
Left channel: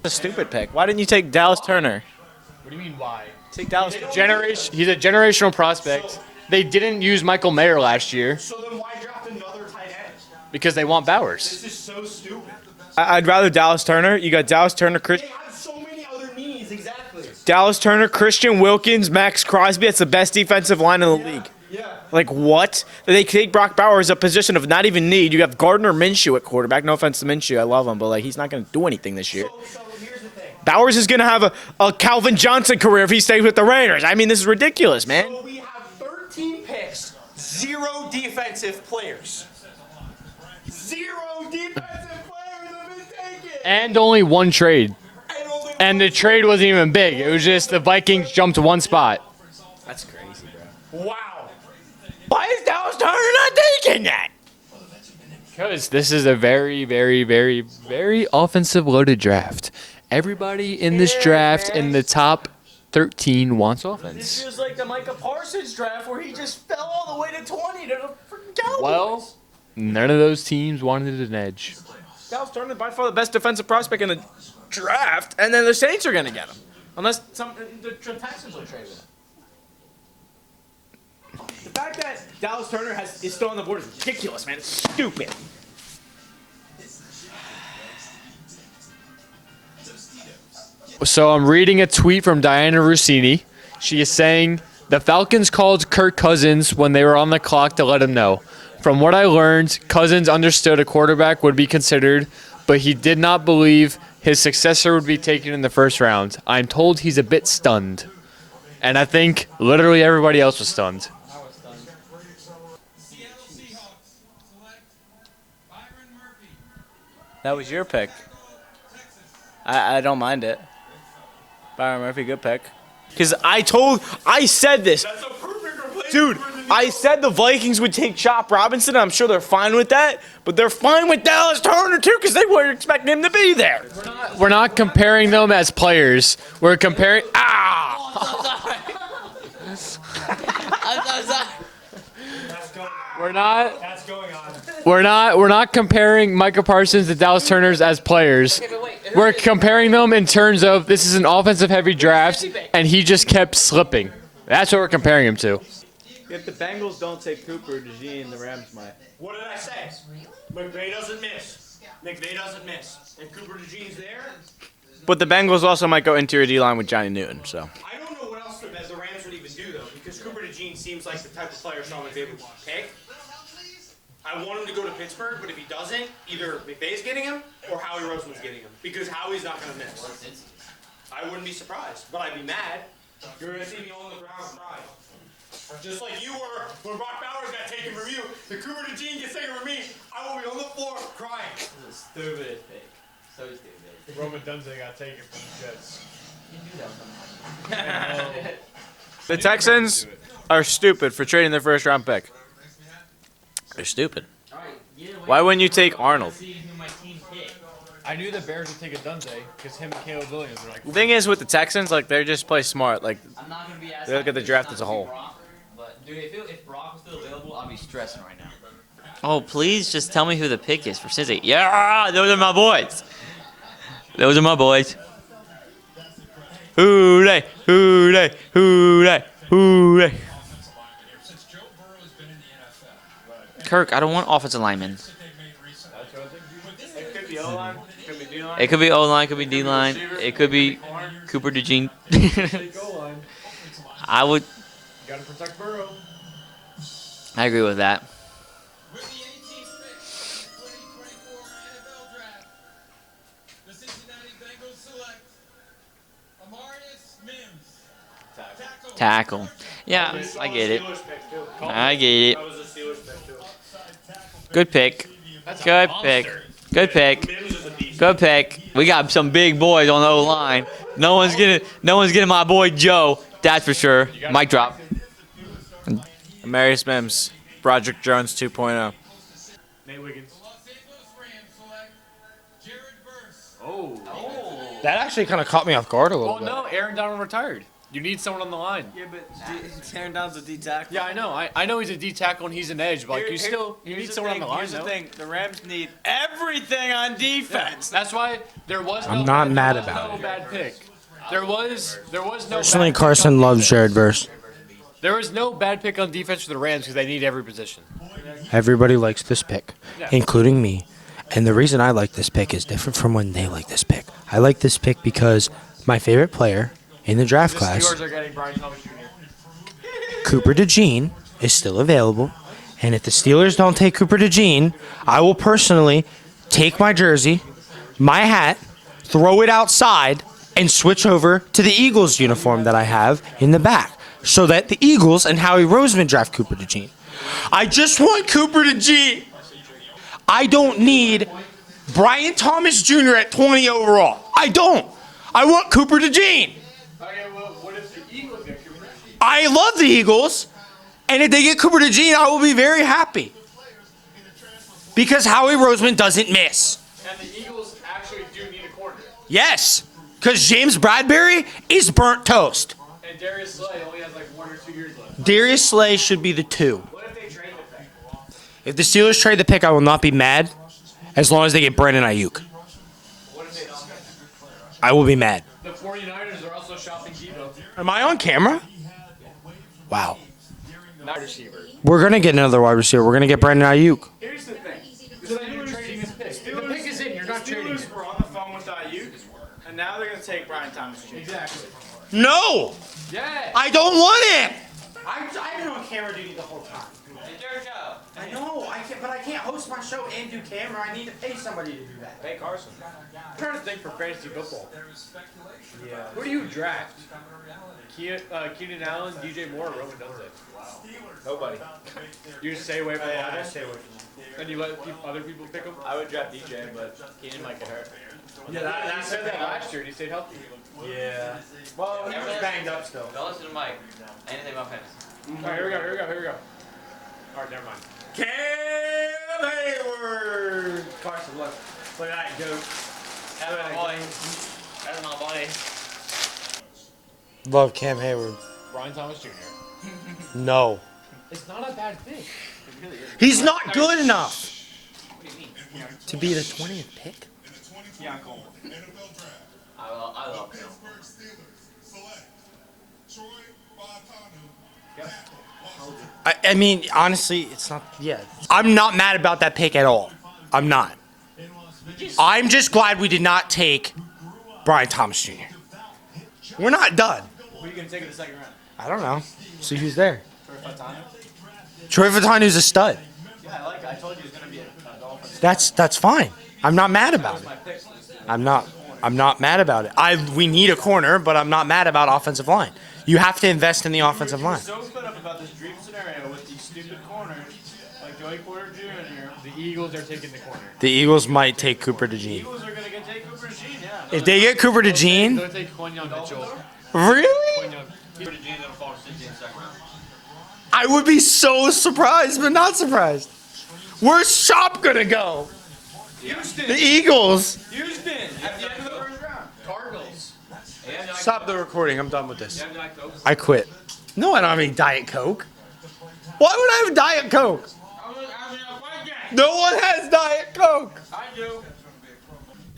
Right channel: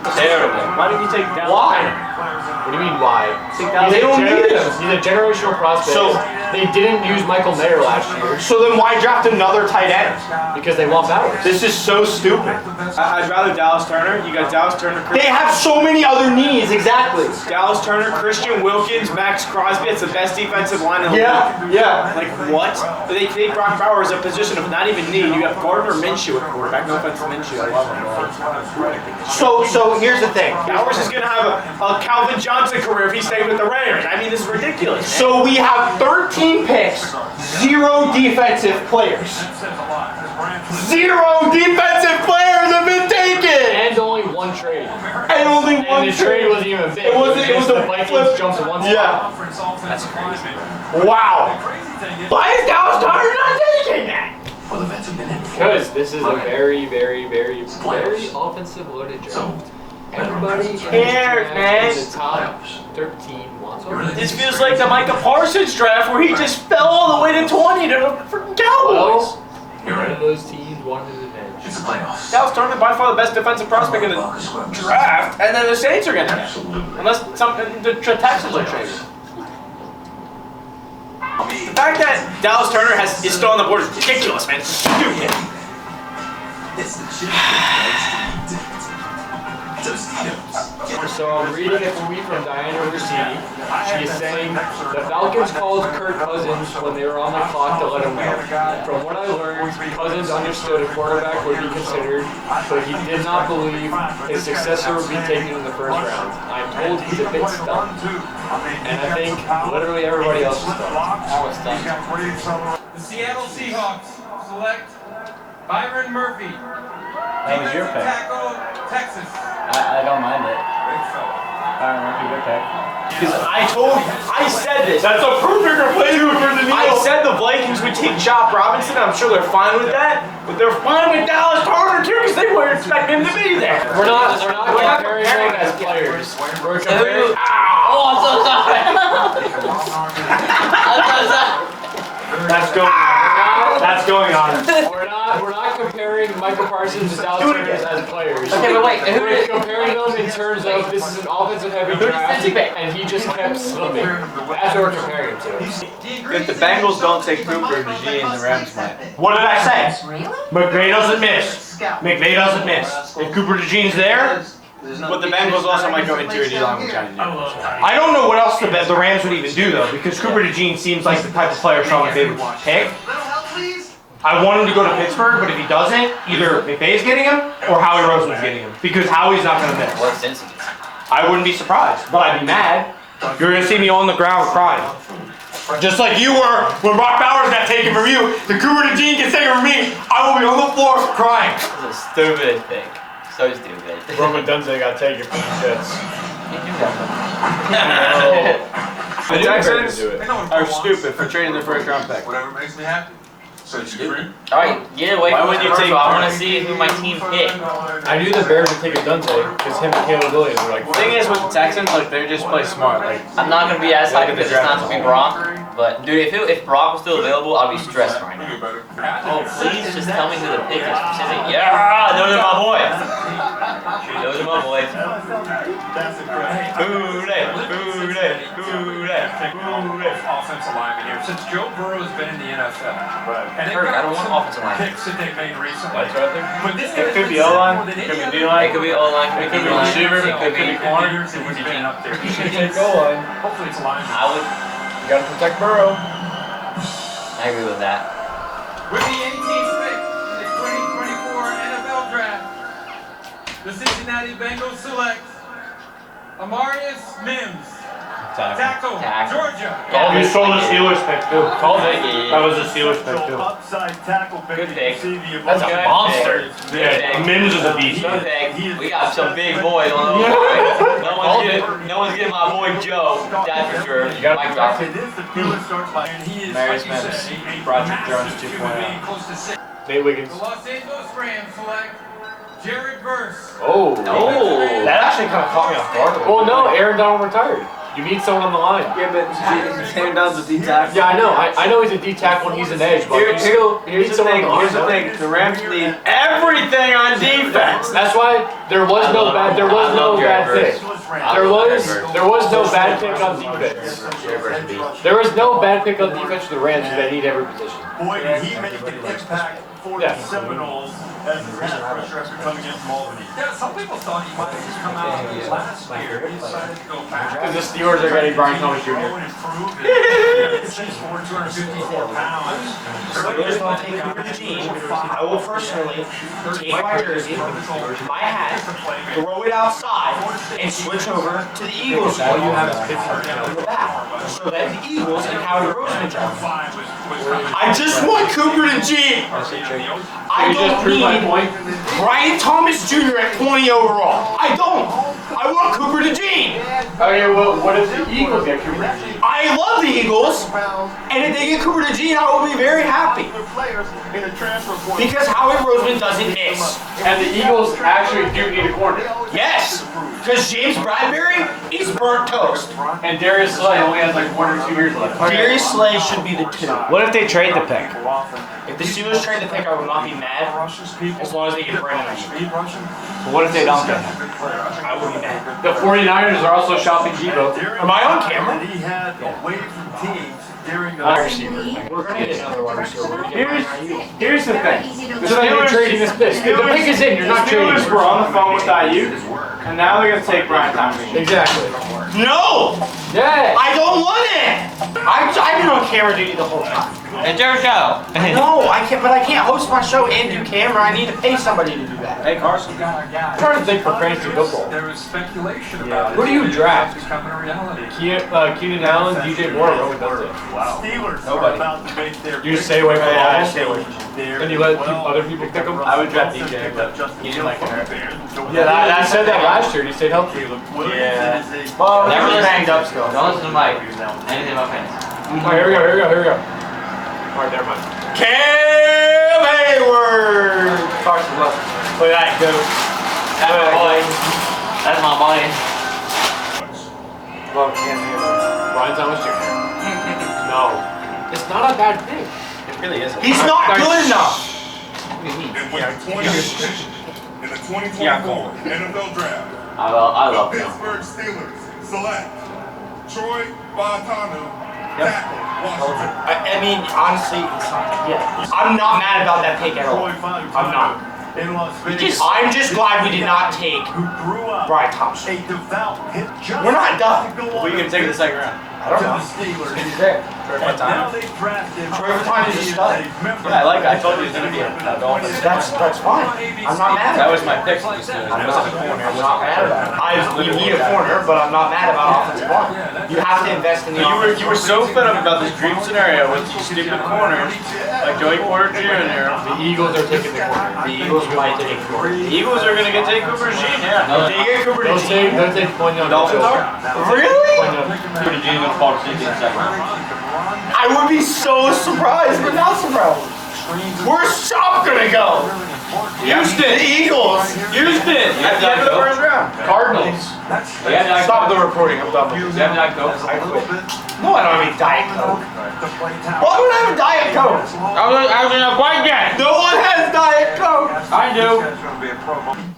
Why didn't you take Dallas Turner? What do you mean, why? They don't need him. He's a generational prospect. So- they didn't use Michael Mayer last year So then why draft another tight end? because they want Bowers. This is so stupid. I'd rather Dallas Turner. You got Dallas Turner, They have so many other needs, exactly. Dallas Turner, Christian Wilkins, Max Crosby. That's the best defensive line in the league. Yeah. Like what? They take Brock Bowers a position of not even need. You got Gardner Minshew at quarterback. No offense to Minshew, I love him, but he's not going to do anything this year. So here's the thing. Bowers is going to have a Calvin Johnson career if he stays with the Raiders. I mean, this is ridiculous, man. So we have 13 picks, 0 defensive players. 0 defensive players have been taken. And only one trade. And only And one the trade wasn't even big. It was wasn't just even the Vikings flip. jumped one spot. Wow. Why is Dallas Boys, This is a very, very, very, very offensive loaded draft. Everybody in this draft in the top 13 wants offense. This feels like the Micah Parsons draft where he just fell all the way to 20 to the freaking Cowboys. Well, none of those teams wanted an edge. Dallas Turner by far the best defensive prospect in the draft, and then the Saints are gonna get him. Unless the Texans are trading. The fact that Dallas Turner is still on the board is ridiculous, man. It's stupid. So I'm reading a tweet from Diana Rossini. She is saying, the Falcons called Kirk Cousins when they were on the clock to let him know. From what I learned, Cousins understood a quarterback would be considered, but he did not believe his successor would be taken in the first round. I'm told he's a bit stunned. And I think literally everybody else was stunned. The Seattle Seahawks select Byron Murphy. That was your pick. Tackle, Texas. I don't mind it. Byron Murphy, good pick. Because I said this. That's a perfect replacement for the I said the Vikings would take Chop Robinson. I'm sure they're fine with that, but they're fine with Dallas Turner too because they weren't expecting him to be there. We're not comparing them as players. We're comparing. Oh, I'm so sorry. I'm so sorry. That's going on. That's going on. We're not comparing Micah Parsons and Dallas Turner's as players. Okay, but wait. We're comparing them in terms of this is an offensive heavy draft and he just kept slipping. That's what we're comparing him to. If the Bengals don't take Cooper, Gene, the Rams might. What did I say? McVay doesn't miss. McVay doesn't miss. If Cooper DeJean's there, But the Bengals also might go interior D-line with Johnny Newton. So. I don't know what else the Rams would even do though, because Cooper DeJean seems like the type of player Sean McVay would pick. I want him to go to Pittsburgh, but if he doesn't, either McVay's getting him or Howie Roseman's getting him, because Howie's not going to miss. What sense is it? I wouldn't be surprised, but I'd be mad. You're going to see me on the ground crying. Just like you were when Brock Bowers got taken from you, the Cooper DeJean gets taken from me, I will be on the floor crying. This is a stupid thing. So stupid. Roman Dunze got taken from the Jets. The Texans are stupid for trading their first round pick. Whatever makes me happy. So stupid. Alright, get away Why from wouldn't you the take first one. I want Barney? to see who my team picked. I knew the Bears would take a Dunze because him and Caleb Williams were like. The thing is with the Texans, like they just play smart. Like I'm not going to be as Look hyped at the because it's draft not as a going to be whole. Brock. But, dude, if Brock was still available, I'd be stressing right now. Oh, please just tell me who the pick is for Sizzy. Yeah, those are my boys. Those are my boys. Hooray, hooray, hooray, hooray. Offensive lineman here. Since Joe Burrow's been in the NFL. Kirk, I don't want offensive linemen. Picks that they've made recently. But this could be O-line, could be D-line. It could be O-line, it could be D-line, it could be Cooper DeJean. Hopefully it's a line. I would. You gotta protect Burrow. I agree with that. With the 18th pick in the 2024 NFL Draft, the Cincinnati Bengals select Amarius Mims, tackle, Tackle. Georgia. Yeah, You stole the I get it. Steelers pick too. I get it. That was a Steelers pick too. Good pick. That's a Good monster. pick. Good pick. Mims is a beast. Good pick. We got some big boys on the O-line. No one's getting my boy Joe. That's for sure. Mic drop. Marius Mims, Broderick Jones 2.0. Nate Wiggins. The Los Angeles Rams select Jared Verse. Oh. That actually kind of caught me off guard a little Well, bit. no, Aaron Donald retired. You need someone on the line. Yeah, but Sam Down's a D tackle. Yeah, I know. I know he's a D tackle and he's an edge, but you still need Here's the someone thing. on the Here's the line. thing. The Rams need everything on defense. That's why there was no bad pick. There was no bad pick. Carson loves Jared Verse. There was no bad pick on defense for the Rams because they need every position. Everybody likes this pick, including me. And the reason I like this pick is different from when they like this pick. I like this pick because my favorite player in the draft class, Steelers are getting Brian Thomas Jr. Cooper DeJean, is still available. And if the Steelers don't take Cooper DeJean, I will personally take my jersey, my hat, throw it outside, and switch over to the Eagles uniform that I have in the back. So that the Eagles and Howie Roseman draft Cooper DeJean. I just want Cooper DeJean. I don't need Brian Thomas Jr. at 20 overall. I don't. I want Cooper DeJean. Okay, well, what if the Eagles get Cooper DeJean? I love the Eagles, and if they get Cooper DeJean, I will be very happy. Because Howie Roseman doesn't miss. And the Eagles actually do need a corner. Yes, because James Bradbury is burnt toast. And Darius Slay only has like 1 or 2 years left. Darius Slay should be the 2. What if they trade the pick? If the Steelers trade the pick, I will not be mad, as long as they get Brandon Ayuk. But what if they don't get him? I will be mad. The 49ers are also shopping Debo. Am I on camera? Wow. Wide receiver. We're gonna get another wide receiver. We're gonna get Brandon Ayuk. Here's the thing. So they're trading this pick. The pick is in. You're not trading. Steelers were on the phone with Ayuk, and now they're gonna take Brian Thomas. Exactly. No! Yeah. I don't want it! I've been on camera duty the whole time. It's your show. No, I can't. But I can't host my show and do camera. I need to pay somebody to do that. Hey, Carson. I'm trying to think for fantasy football. There is speculation about Who do you draft? becoming a reality. Keenan Allen, DJ Moore, Rowan does it. Nobody. You just stay away from Yeah, I all. stay away from him. And you let other people pick them. I would draft DJ, but he didn't like it. Yeah, I said that last year. He stayed healthy. Yeah. Well, Never he was listen. banged up still. Don't listen to Mike. Anything about fantasy. Oh, here we go. Alright, never mind. Cam Hayward. Carson, look. Look at that, go. That's my boy. That's my boy. Love Cam Hayward. Brian Thomas Jr. No. It's not a bad thing. It really isn't. He's not good enough. In the 2024 NFL Draft, I love him. Pittsburgh Steelers select Troy Bontanu, tackle, Washington. I mean, honestly, it's not. Yeah. I'm not mad about that pick at all. I'm not. I'm just glad we did not take Brian Thompson. We're not done. Who are you going to take in the second round? I don't know. So he's there. Troy Bontanu is a stud. Yeah, I told you he was going to be a Dolphin. That's fine. I'm not mad That about was it. my pick. I'm not mad about it. We need a corner, but I'm not mad about offensive line. You have to invest in the offensive You were line. so fed up about this dream scenario with these stupid corners, like Joey Porter Jr. The Eagles are taking the corner. The Eagles might take Cooper The DeJean. Eagles are going to take Cooper DeJean, yeah. If they get Cooper DeJean, They'll take Quinyon Dolphins Mitchell. are? really? Cooper DeJean's gonna fall to sleep in the second round. I would be so surprised, but not surprised. Where's Shop gonna go? Houston. The Eagles. Houston. At the end of the first round. Cardinals. Stop the recording. I'm done with this. You have Diet Coke? I quit. No, I don't have any Diet Coke. Why would I have Diet Coke? I was gonna quite get. No one has Diet Coke. I do.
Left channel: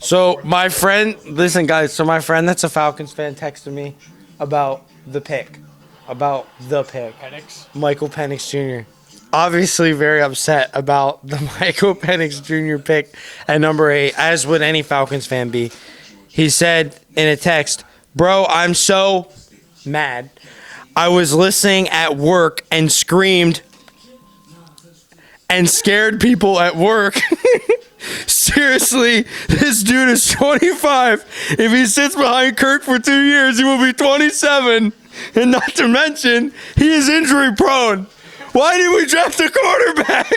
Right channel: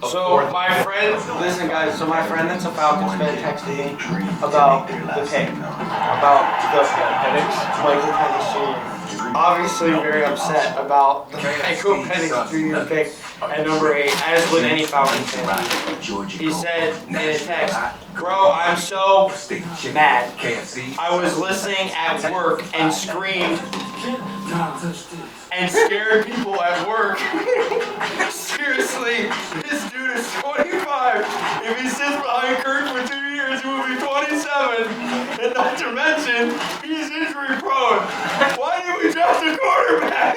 So my friend, listen guys, so my friend that's a Falcons fan texted me about the pick. Michael Penix Jr. Obviously very upset about the Michael Penix Jr. pick at number 8, as would any Falcons fan be. He said in a text, "Bro, I'm so mad. I was listening at work and screamed and scared people at work. Seriously, this dude is 25. If he sits behind Kirk for 2 years, he will be 27. And not to mention, he is injury prone. Why did we draft a quarterback?"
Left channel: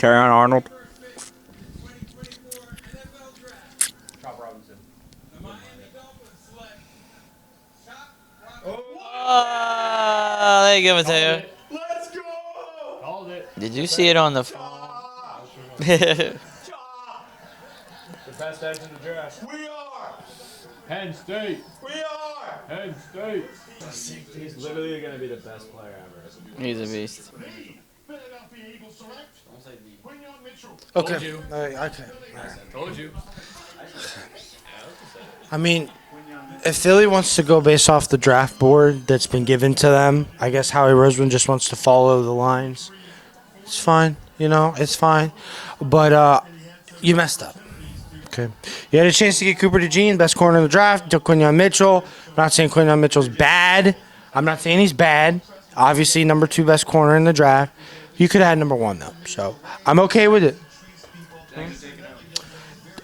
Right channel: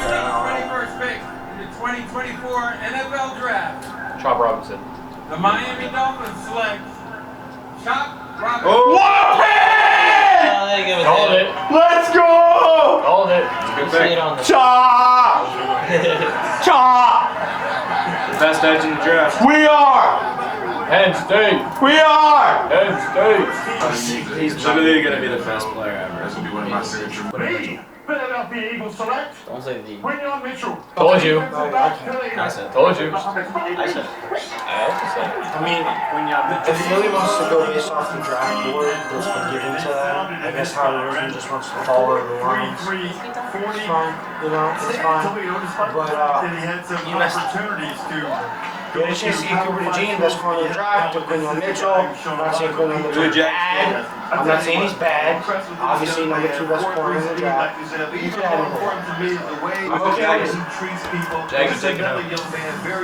Carry on, Arnold. First pick in the 2024 NFL Draft. Chop Robinson. The Miami Dolphins select Chop Robinson. Oh, they give it to Called him. it. Let's go! Called it. Did you see it on the? Chop! Chop! The best edge in the draft. We are! Penn State. We are! Penn State. He's literally going to be the best player ever. Philadelphia Eagles select Don't say the. Quinyon Mitchell. Told you. I said. Told you. I mean, if Philly wants to go based off the draft board that's been given to them, I guess Howie Roseman just wants to follow the lines. It's fine, you know, it's fine. But you messed up. Okay. You had a chance to get Cooper DeJean, best corner in the draft. Took Quinyon Mitchell. I'm not saying Quinyon Mitchell's bad. I'm not saying he's bad. Obviously, number 2 best corner in the draft. You could have had number 1 then. So I'm okay with it. Jags are taking him.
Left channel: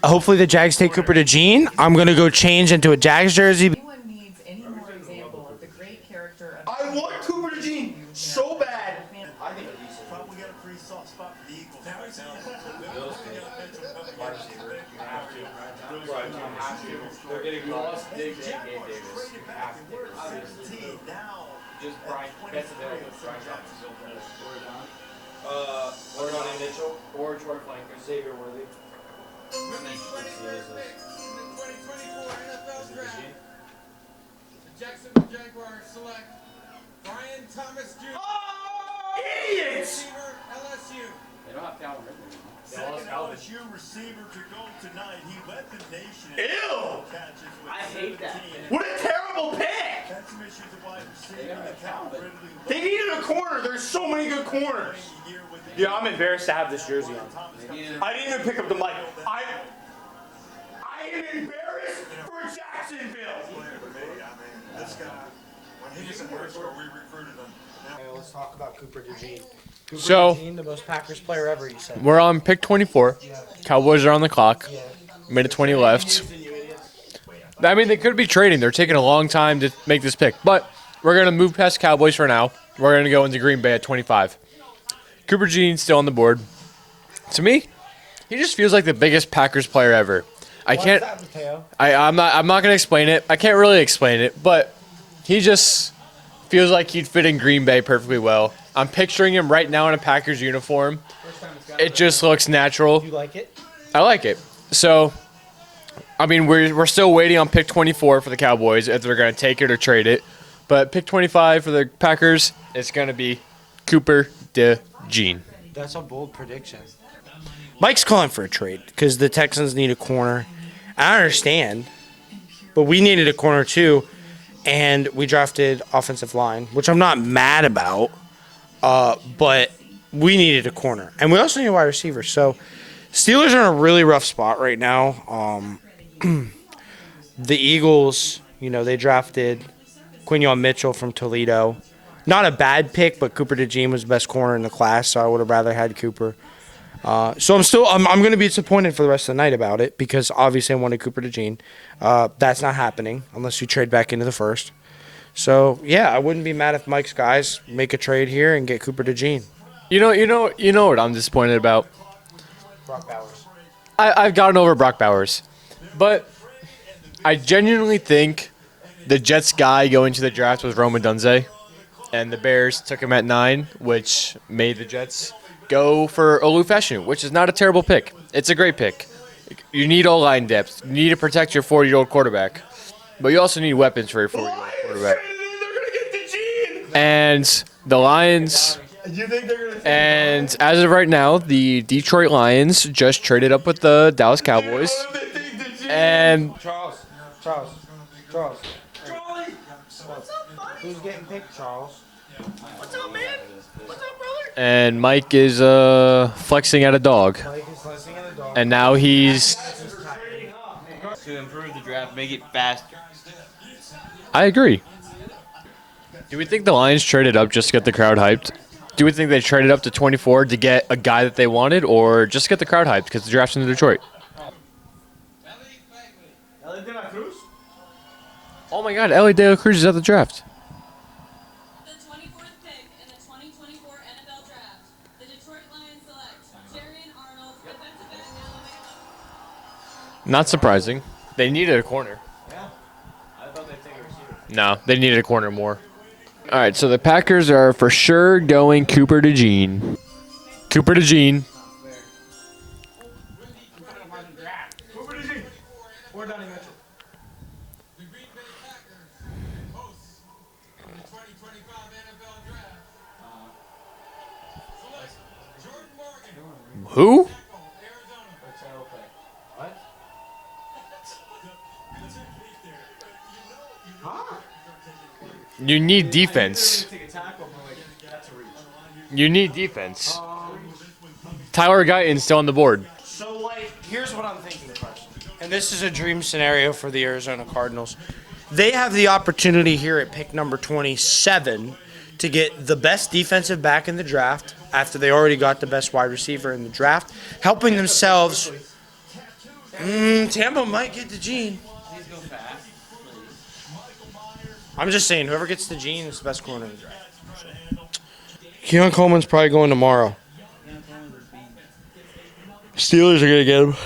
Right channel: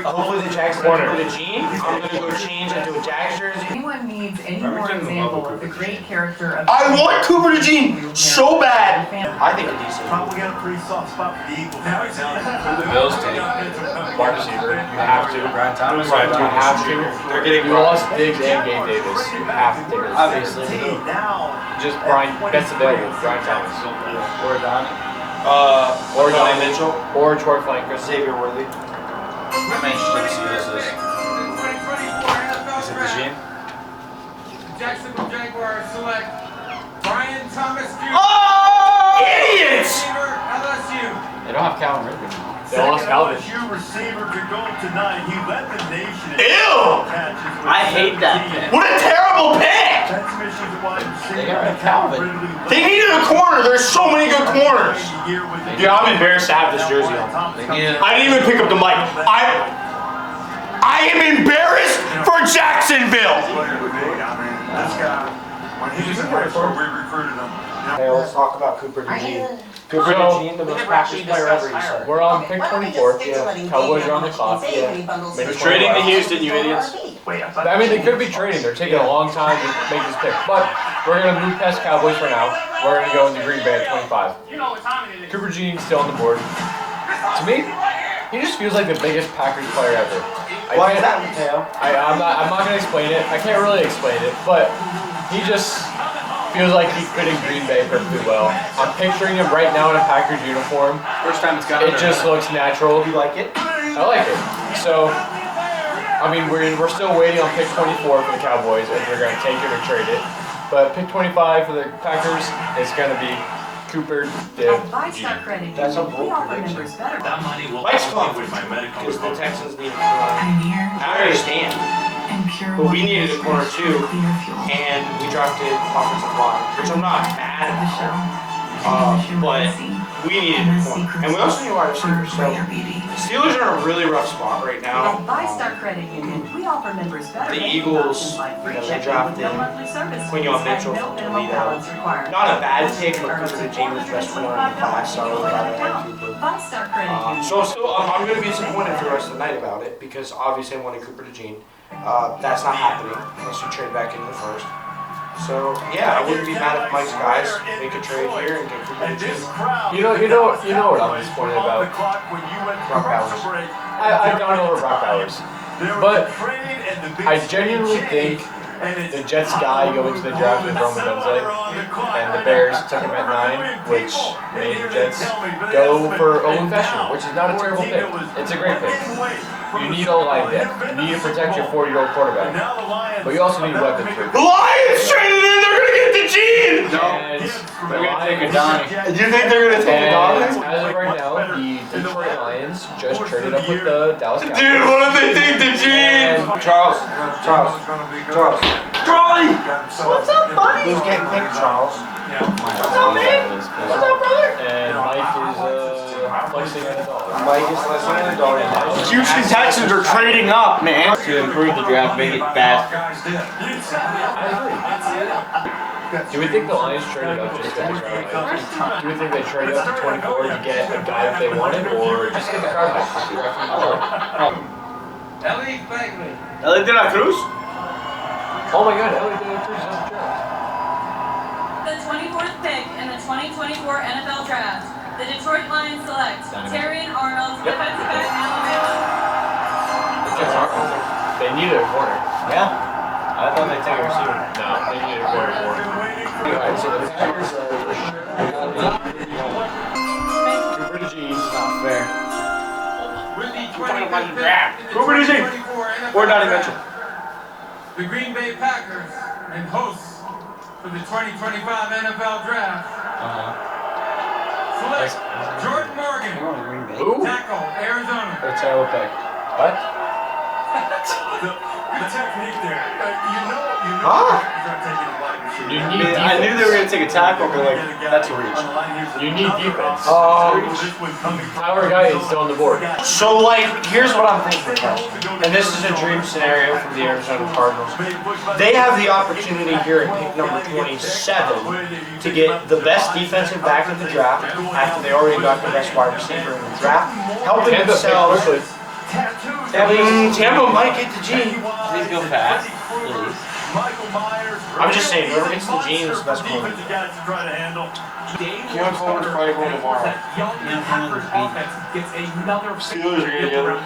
Hopefully the Jags take Cooper DeJean. I'm gonna go change into a Jags jersey. Anyone needs any more example of the great character I want Cooper DeJean so bad. I think a decent. Probably got a pretty soft spot for the Eagles right now. The Bills take wide receiver. You have to. Brian Thomas. Right, you have to. They're getting You lost Diggs and Gabe Davis. You have to take it. obviously. Just Brian. That's available. Brian Thomas. Or Donnie. Or Donnie Donnie Mitchell. Or Troy Flanker. Xavier Worthy. I'm interested to see this is. 2024 NFL Is it Draft. DeJean? Jacksonville Jaguars select Brian Thomas Jr. Oh! Idiots! Receiver, LSU. They don't have Calvin Ridley now. They lost Calvin. LSU receiver could go tonight. He led the nation in Ew! catches with I hate that pick. What a terrible pick! transmissions of wide receiver. They got rid of Calvin. They needed a corner. There's so many good corners. Dude, I'm embarrassed to have this jersey on. I didn't even pick up the mic. I am embarrassed for Jacksonville. This guy, when he was in high school, we recruited him. Hey, let's talk about Cooper DeJean. Cooper So- DeJean, the most Packers player ever. You said. We're on pick 24. Cowboys are on the clock. Minute 20 Trading left. to Houston, you idiots. I mean, they could be trading. They're taking a long time to make this pick. But we're going to move past Cowboys for now. We're going to go into Green Bay at 25. Cooper DeJean still on the board. To me, he just feels like the biggest Packers player ever. I Why is can't. that, Mateo? I'm not gonna explain it. I can't really explain it, but he just feels like he'd fit in Green Bay perfectly well. I'm picturing him right now in a Packers uniform. First time it's got It just looks natural. You like it? I like it. So, I mean, we're still waiting on pick 24 for the Cowboys if they're gonna take it or trade it. But pick 25 for the Packers is gonna be Cooper DeJean. That's a bold prediction. Mike's calling for a trade because the Texans need a corner. I understand, but we needed a corner too, and we drafted offensive line, which I'm not mad about. But we needed a corner, and we also need a wide receiver. So Steelers are in a really rough spot right now. The Eagles, they drafted Quinion Mitchell from Toledo. Not a bad pick, but Cooper DeJean was the best corner in the class, so I would have rather had Cooper. So I'm going to be disappointed for the rest of the night about it because obviously I wanted Cooper DeJean. That's not happening unless you trade back into the first. So yeah, I wouldn't be mad if Mike's guys make a trade here and get Cooper DeJean. You know what I'm disappointed about? Brock Bowers. I've gotten over Brock Bowers, but I genuinely think the Jets guy going to the draft was Rome Odunze, and the Bears took him at 9, which made the Jets go for Olu Feshu, which is not a terrible pick. It's a great pick. You need O-line depth. You need to protect your 40-year-old quarterback, but you also need weapons for your The Lions traded in. They're gonna get DeJean. And the Lions. Do you think they're gonna take And it? as of right now, the Detroit Lions just traded up with the Dallas Dude, Cowboys. what if they take DeJean? And Charles. Charlie! What's up, buddy? Who's getting picked, Charles? And Mike is flexing at a dog. Mike is listening to the dog. And now Houston he's. Texans are trading up, man. To improve the draft, make it faster. I agree. Do we think the Lions traded up just to get the crowd hyped? Do we think they traded up to 24 to get a guy that they wanted, or just get the crowd hyped because the draft's in Detroit? Ellie Bagley. Ellie De La Cruz? Oh my God, Ellie De La Cruz is at the draft. The 24th pick in the 2024 NFL Draft, the Detroit Lions select Terrion Arnold, defensive back, Alabama. Not surprising. They needed a corner. Yeah. I thought they'd take a receiver. No, they needed a corner more. All right, so the Packers are for sure going Cooper DeJean. Cooper DeJean. Fair. With the 25th pick in the Cooper DeJean. 2024 NFL Or Donnie Draft, Mitchell. the Green Bay Packers and hosts for the 2025 NFL Draft. Select Jordan Morgan, Who? tackle, Arizona. A terrible pick. What? The technique there. You need I knew they were defense. going to take a tackle, but that's a reach. You need defense. Tyler Guyton's still on the board. So, here's what I'm thinking, Carson. And this is a dream scenario for the Arizona Cardinals. They have the opportunity here at pick number 27 to get the best defensive back in the draft after they already got the best wide receiver in the draft, helping themselves. Tampa might get the G. Please go fast, please. I'm just saying, whoever gets the Gene is the best corner. Keon Coleman's probably going tomorrow. Steelers are gonna get him.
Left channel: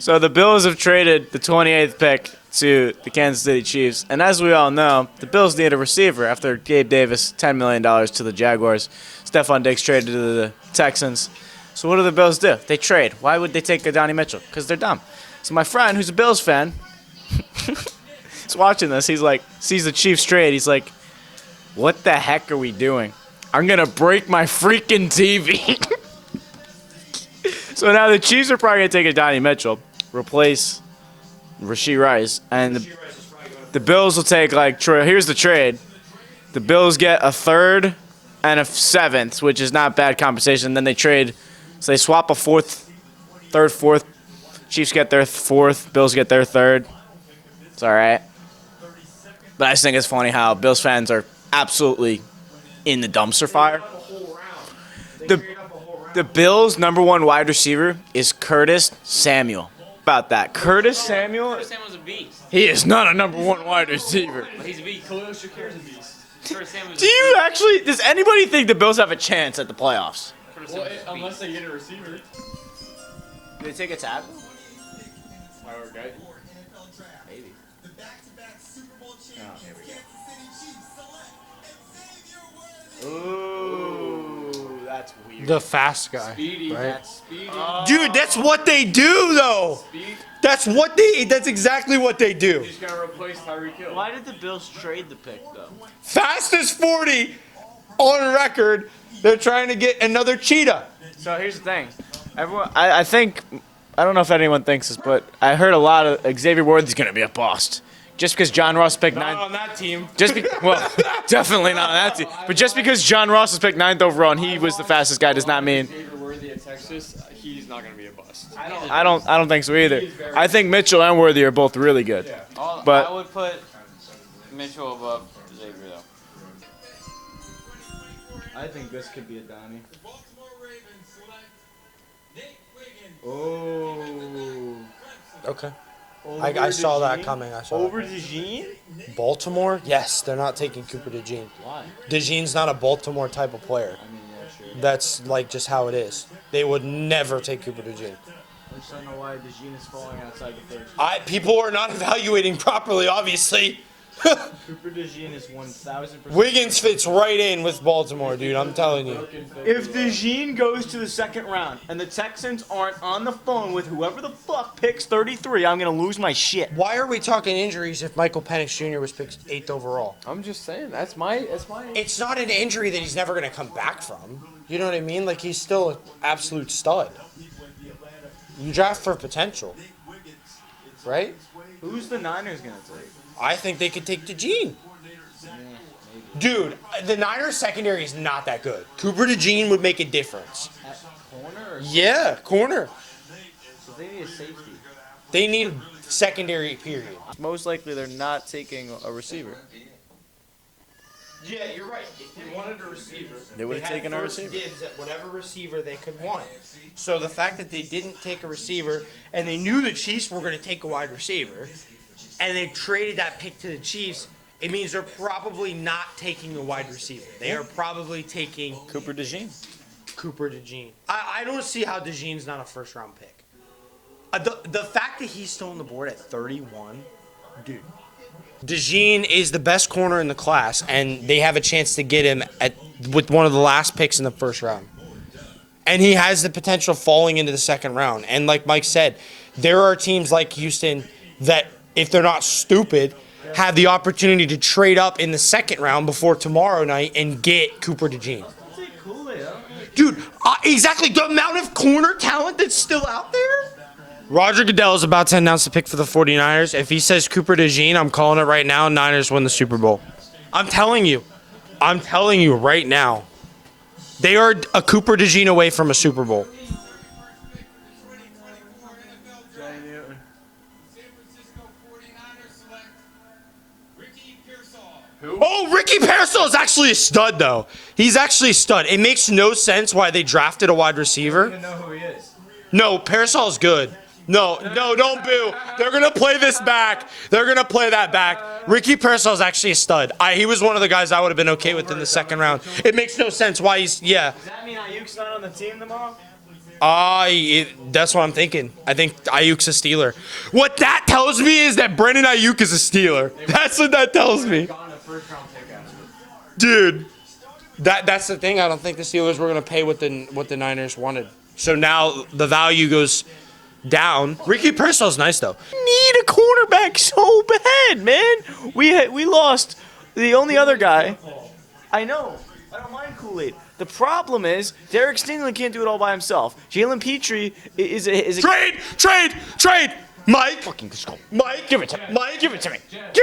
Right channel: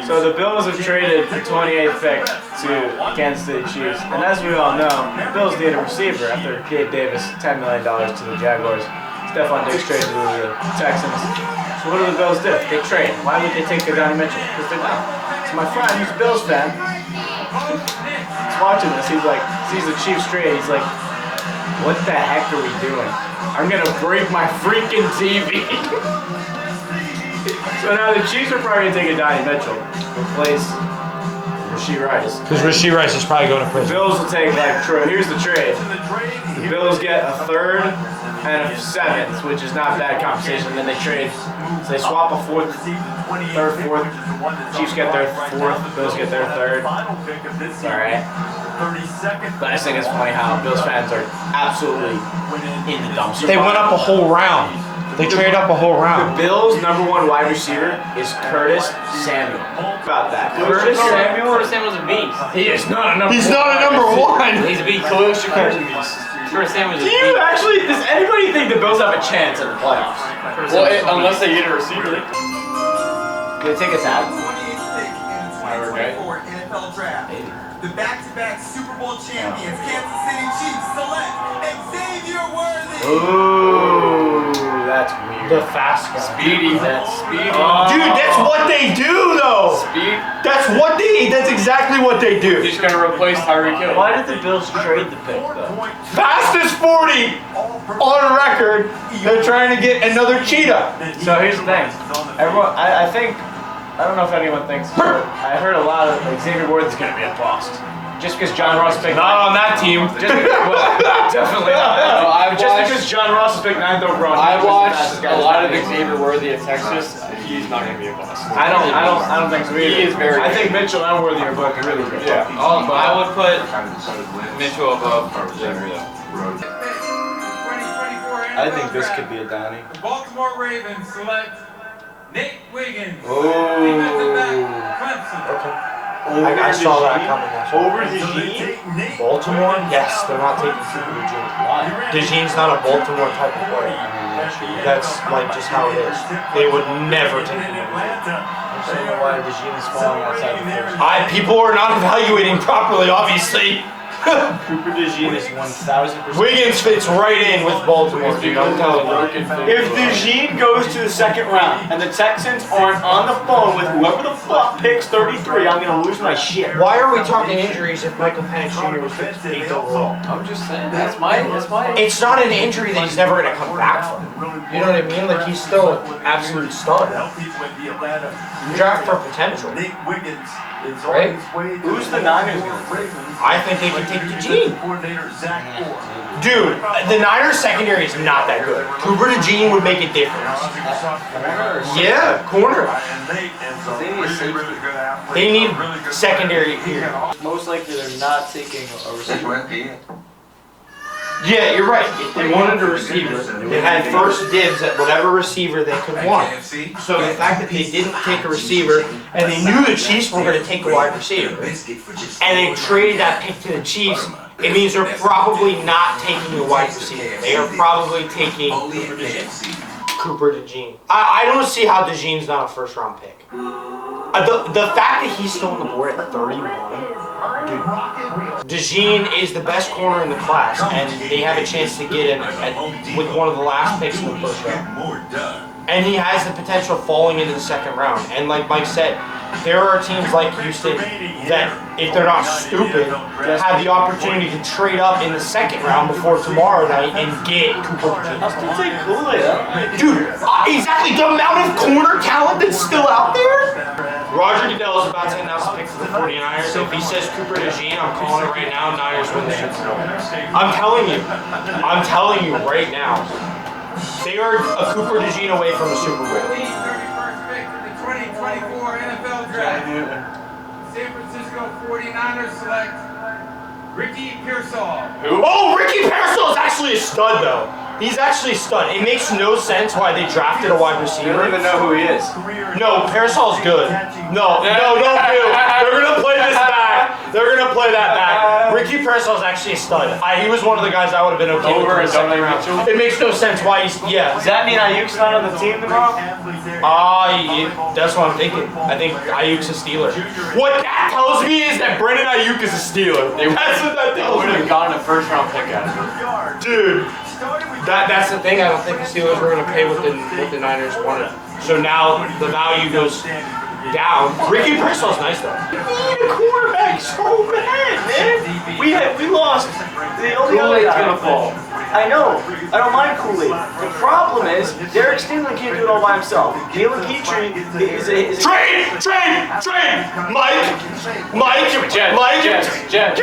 So the Bills have traded the 28th pick to the Kansas City Chiefs, and as we all know, the Bills need a receiver after Gabe Davis $10 million to the Jaguars. Stephon Diggs traded to the Texans. So what do the Bills do? They trade. Why would they take Donnie Mitchell? Because they're dumb. So my friend, who's a Bills fan, he's watching this. He's like, sees the Chiefs trade. He's like, what the heck are we doing? I'm gonna break my freaking TV. So now the Chiefs are probably gonna take a Donnie Mitchell, replace Rashee Rice. Because Rashee Rice is probably going to The Bills will take like here's the trade. The Bills get a third and a seventh, which is not bad compensation. Then they trade, so they swap a third, fourth. Chiefs get their fourth, Bills get their third. It's all right. But I just think it's funny how Bills fans are absolutely in the dumpster They fire. went up a whole round. They traded up a whole round. The Bills' #1 wide receiver is Curtis Samuel. About that. Curtis Samuel? Curtis Samuel's a beast. He is not a number He's one. not a wide number receiver. one. He's a beast. Curtis Samuel's a Do you beast. actually, does anybody think the Bills have a chance at the playoffs? Well, unless they get a receiver. They take a tab. NFL Draft. The back-to-back Super Bowl champions, Kansas City Chiefs, select Xavier Worthy. Ooh, that's weird. The fast guy. Speedy. That's speedy. Dude, that's what they do, though. Speed. That's exactly what they do. He's gonna replace Tyreek Hill. Why did the Bills trade the pick, though? Fastest 40 on record. They're trying to get another cheetah. So here's the thing. Everyone, I think, I don't know if anyone thinks this, but I heard a lot of Xavier Worthy's going to be a bust. Just because John Ross picked Not on that team. definitely not that team. But just because John Ross was picked 9th overall and he was the fastest guy does not mean. Xavier Worthy at Texas. He's not gonna be a bust. I don't think so either. He is very I think Mitchell and Worthy are both really good. Yeah. But I would put Mitchell above Xavier though. 2024 I think this NFL could be a Donnie. The Baltimore Ravens select Nate Wiggins. Oh. Defensive back, Clemson. I saw that coming. Over DeJean? Baltimore? Yes, they're not taking Cooper DeJean. Why? DeJean's not a Baltimore type of player. That's like just how it is. They would never take Cooper DeJean. I don't know why DeJean is falling outside the first. People are not evaluating properly, obviously. Cooper DeJean is 1,000%. Wiggins fits right in with Baltimore, dude. I'm telling you. If DeJean goes to the second round and the Texans aren't on the phone with whoever the fuck picks 33, I'm gonna lose my shit. Why are we talking injuries if Michael Penix Jr. was picked 8th overall? I'm just saying, that's my. It's not an injury that he's never going to come back from. You know what I mean? Like, he's still an absolute stud. You draft for potential. Right? Who's the Niners gonna take? I think they can take DeJean. Dude, the Niners secondary is not that good. Cooper DeJean would make a difference. Yeah, corner. They need secondary here. Most likely they're not taking a receiver. Yeah, you're right. If they wanted a receiver, they had first dibs at whatever receiver they could want. So the fact that they didn't take a receiver, and they knew the Chiefs were going to take a wide receiver, and they traded that pick to the Chiefs, it means they're probably not taking a wide receiver. They are probably taking Cooper DeJean. I don't see how DeJean's not a first-round pick. The fact that he's still on the board at 31, dude. DeJean is the best corner in the class, and they have a chance to get him with one of the last picks in the first round. And he has the potential of falling into the second round. And like Mike said, there are teams like Houston that, if they're not stupid, have the opportunity to trade up in the second round before tomorrow night and get Cooper DeJean. Dude, exactly the amount of corner talent that's still out there. Roger Goodell is about to announce the pick for the 49ers. If he says Cooper DeJean, I'm calling it right now. Niners win the Super Bowl. I'm telling you right now. They are a Cooper DeJean away from a Super Bowl. 31st pick in the 2024 NFL Draft. San Francisco 49ers select Ricky Pearsall. Oh, Ricky Pearsall is actually a stud, though. He's actually a stud. It makes no sense why they drafted a wide You receiver. don't even know who he is. No, Parasol's good. No, don't do. They're gonna play this back. They're gonna play that back. Ricky Parasol's actually a stud. He was one of the guys I would have been okay with in the second round. It makes no sense why he's, yeah. Does that mean Ayuk's not on the team tomorrow? That's what I'm thinking. I think Ayuk's a Steeler. What that tells me is that Brandon Ayuk is a Steeler. That's what that tells Would me. have gotten a first round pick out of him. Dude, that's the thing. I don't think the Steelers were going to pay what the Niners wanted. So now the value goes down. Ricky Pressel's nice though. Need a quarterback so bad, man. We lost the only other guy. I know. I don't mind Kool-Aid. The problem is Derek Stingley can't do it all by himself. Jalen Petrie is a Trade! Mike! Jets.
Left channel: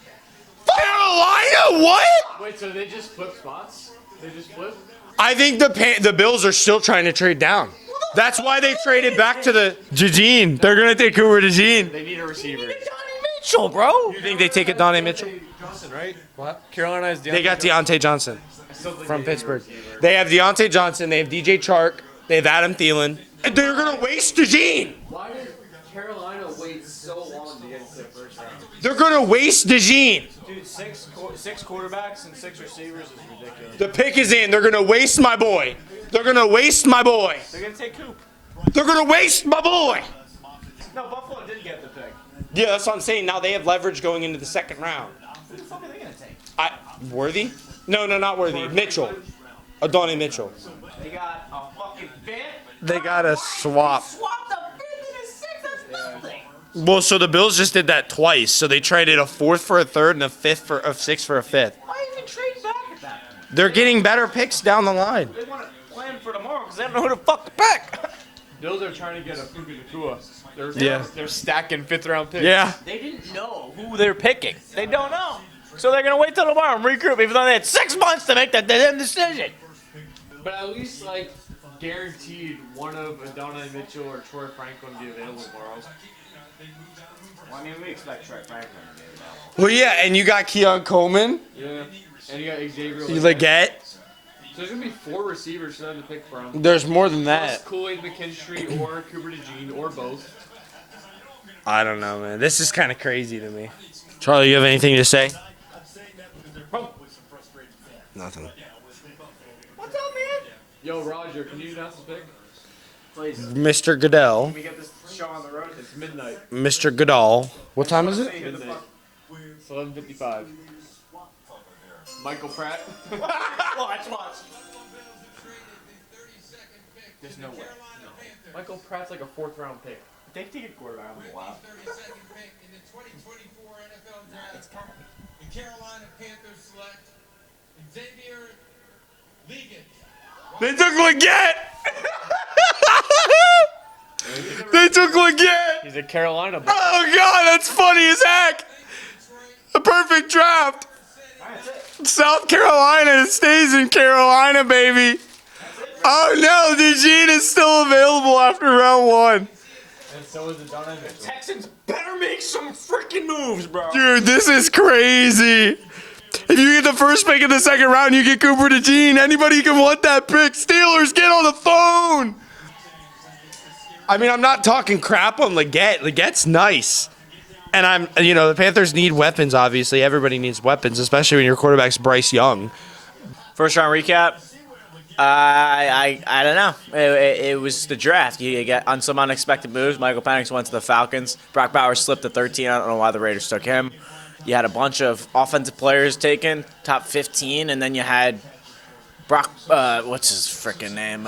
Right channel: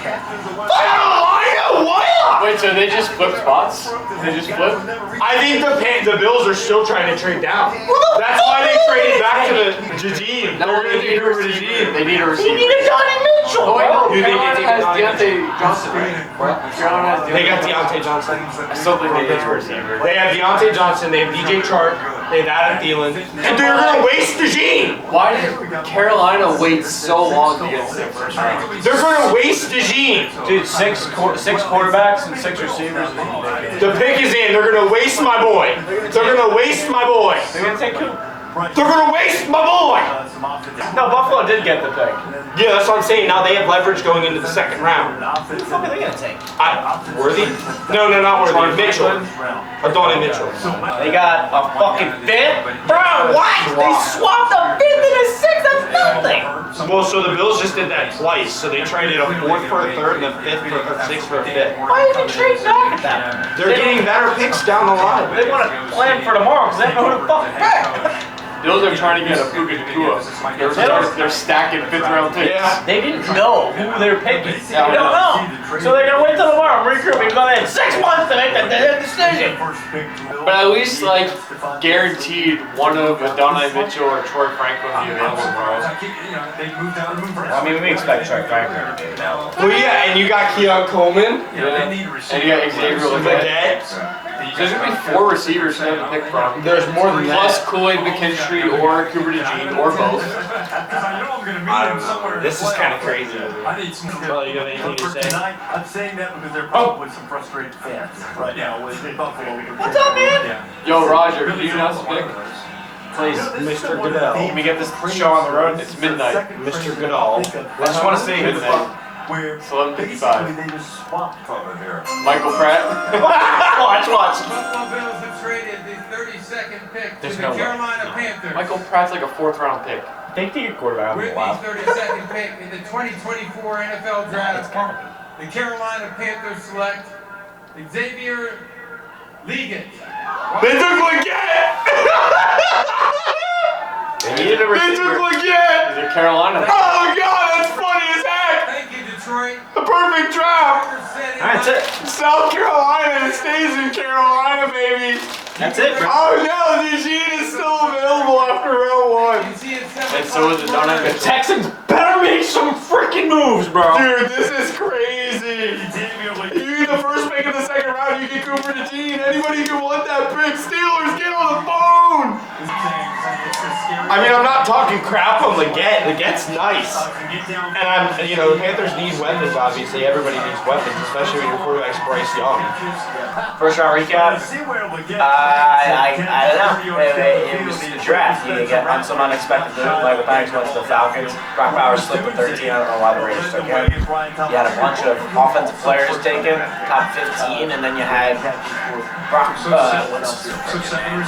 Carolina, what? Wait, so they just flip spots? They just flip? I think the Bills are still trying to trade down. That's why they traded back to the Jadine. They're gonna take Cooper DeJean. They need a receiver. He needed Donnie Mitchell, bro. You think they take a Donnie Mitchell? Deontay Johnson, right? Carolina has They got Deontay Johnson. I still think they need a receiver. They have Deontay Johnson. They have DJ Chark. They have Adam Thielen. And they're gonna waste DeJean. Why did Carolina wait so long to get to their first round? They're gonna waste DeJean. Dude, six quarterbacks and 6 receivers. The pick is in. They're gonna waste my boy. They're gonna waste my boy. They're gonna take who? They're gonna waste my boy. No, Buffalo did get the pick. Yeah, that's what I'm saying. Now they have leverage going into the second round. Who the fuck are they gonna take? Worthy? No, not Worthy. Mitchell. Donnie Mitchell. They got a fucking fifth? Bro, got a what? swap. They swapped a fifth and a sixth? That's nothing. Well, so the Bills just did that twice. So they traded a fourth for a third and a sixth for a fifth. Why even trade back at that? They're getting better picks down the line. They want to plan for tomorrow because they don't know who to fucking pick. Bills are trying to get a Puka Nacua. They're stacking 5th round picks. Yeah. They didn't know who they're picking. They don't know. So they're going to wait till tomorrow and regroup even though they had 6 months to make that damn decision. But at least, like, guaranteed one of Adonai Mitchell or Troy Franklin to be available tomorrow. I mean, we expect Troy Franklin to be available. Well, yeah, and you got Keon Coleman. Yeah. And you got Xavier Leggett. There's going to be 4 receivers for them to pick from. There's more than Plus that. Kool-Aid McKinstry or Cooper DeJean or both. I don't know, man. This is kind of crazy. Charlie, you have anything to say? I'm saying that because there are probably some frustrated fans. But, you know, with Buffalo. What's up, man? Yo, Roger, can you announce the pick? Please. Mr. Goodell. Can we get this show on the road? It's midnight. Mr. Goodell. What time is it? Midnight. It's 11:55. Michael Pratt. Watch. Buffalo Bills have traded the 32nd pick There's to no the way. Carolina Panthers. Michael Pratt's like a 4th round pick. They take a quarterback on With the the wild. 32nd pick in the 2024 NFL Draft, the Carolina Panthers select Xavier Leggett. They took Leggett! They took Leggett! He's a Carolina. Oh, God, that's funny as heck! Thank you, Detroit. The perfect draft! That's it. South Carolina stays in Carolina, baby! That's it. Oh no, DeJean is still available after round 1. And so is Adonai Mitchell. Texans better make some freaking moves, bro. Dude, this is crazy. If you get the first pick in the second round, you get Cooper DeJean. Anybody can want that pick. Steelers, get on the phone! I mean, I'm not talking crap on Leggett. Leggett's nice. And the Panthers need weapons, obviously. Everybody needs weapons, especially when your quarterback's Bryce Young. First round recap. I don't know. It was the draft. You get on some unexpected moves. Michael Penix went to the Falcons. Brock Bowers slipped to 13. I don't know why the Raiders took him. You had a bunch of offensive players taken, top 15, and then you had Brock, what's his freaking name?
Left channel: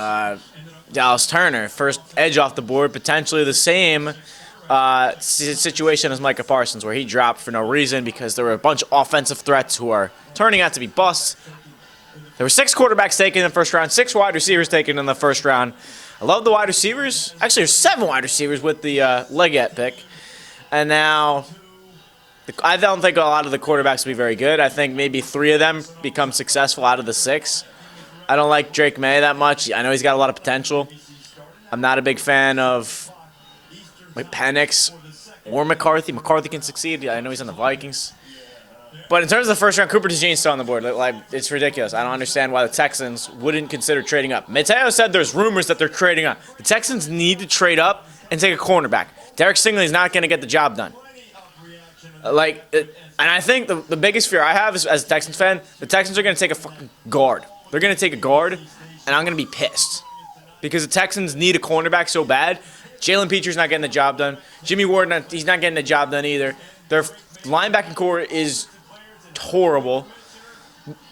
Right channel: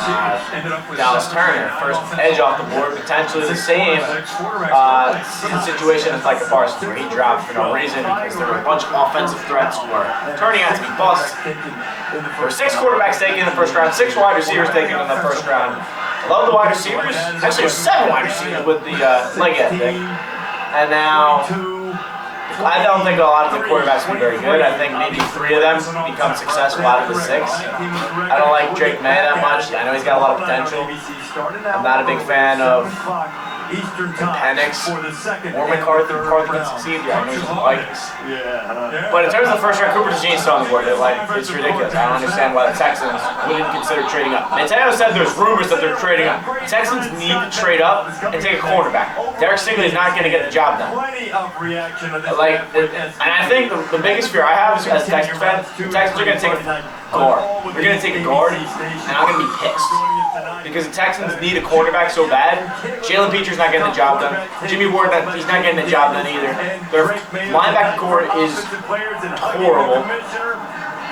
Dallas Turner, first edge off the board, potentially the same situation as Micah Parsons, where he dropped for no reason because there were a bunch of offensive threats who are turning out to be busts. There were 6 quarterbacks taken in the first round, 6 wide receivers taken in the first round. I love the wide receivers. Actually, there's 7 wide receivers with the Leggett pick. And now, I don't think a lot of the quarterbacks will be very good. I think maybe 3 of them become successful out of the 6. I don't like Drake May that much. I know he's got a lot of potential. I'm not a big fan of Penix or McCarthy. McCarthy can succeed. Yeah, I know he's in the Vikings. But in terms of the first round, Cooper DeJean's still on the board. It's ridiculous. I don't understand why the Texans wouldn't consider trading up. Mateo said there's rumors that they're trading up. The Texans need to trade up and take a cornerback. Derek Stingley's not going to get the job done. And I think the biggest fear I have as a Texans fan, the Texans are going to take a guard. They're going to take a guard, and I'm going to be pissed. Because the Texans need a cornerback so bad. Jalen Petre's not getting the job done. Jimmy Ward, he's not getting the job done either. Their linebacker core is horrible.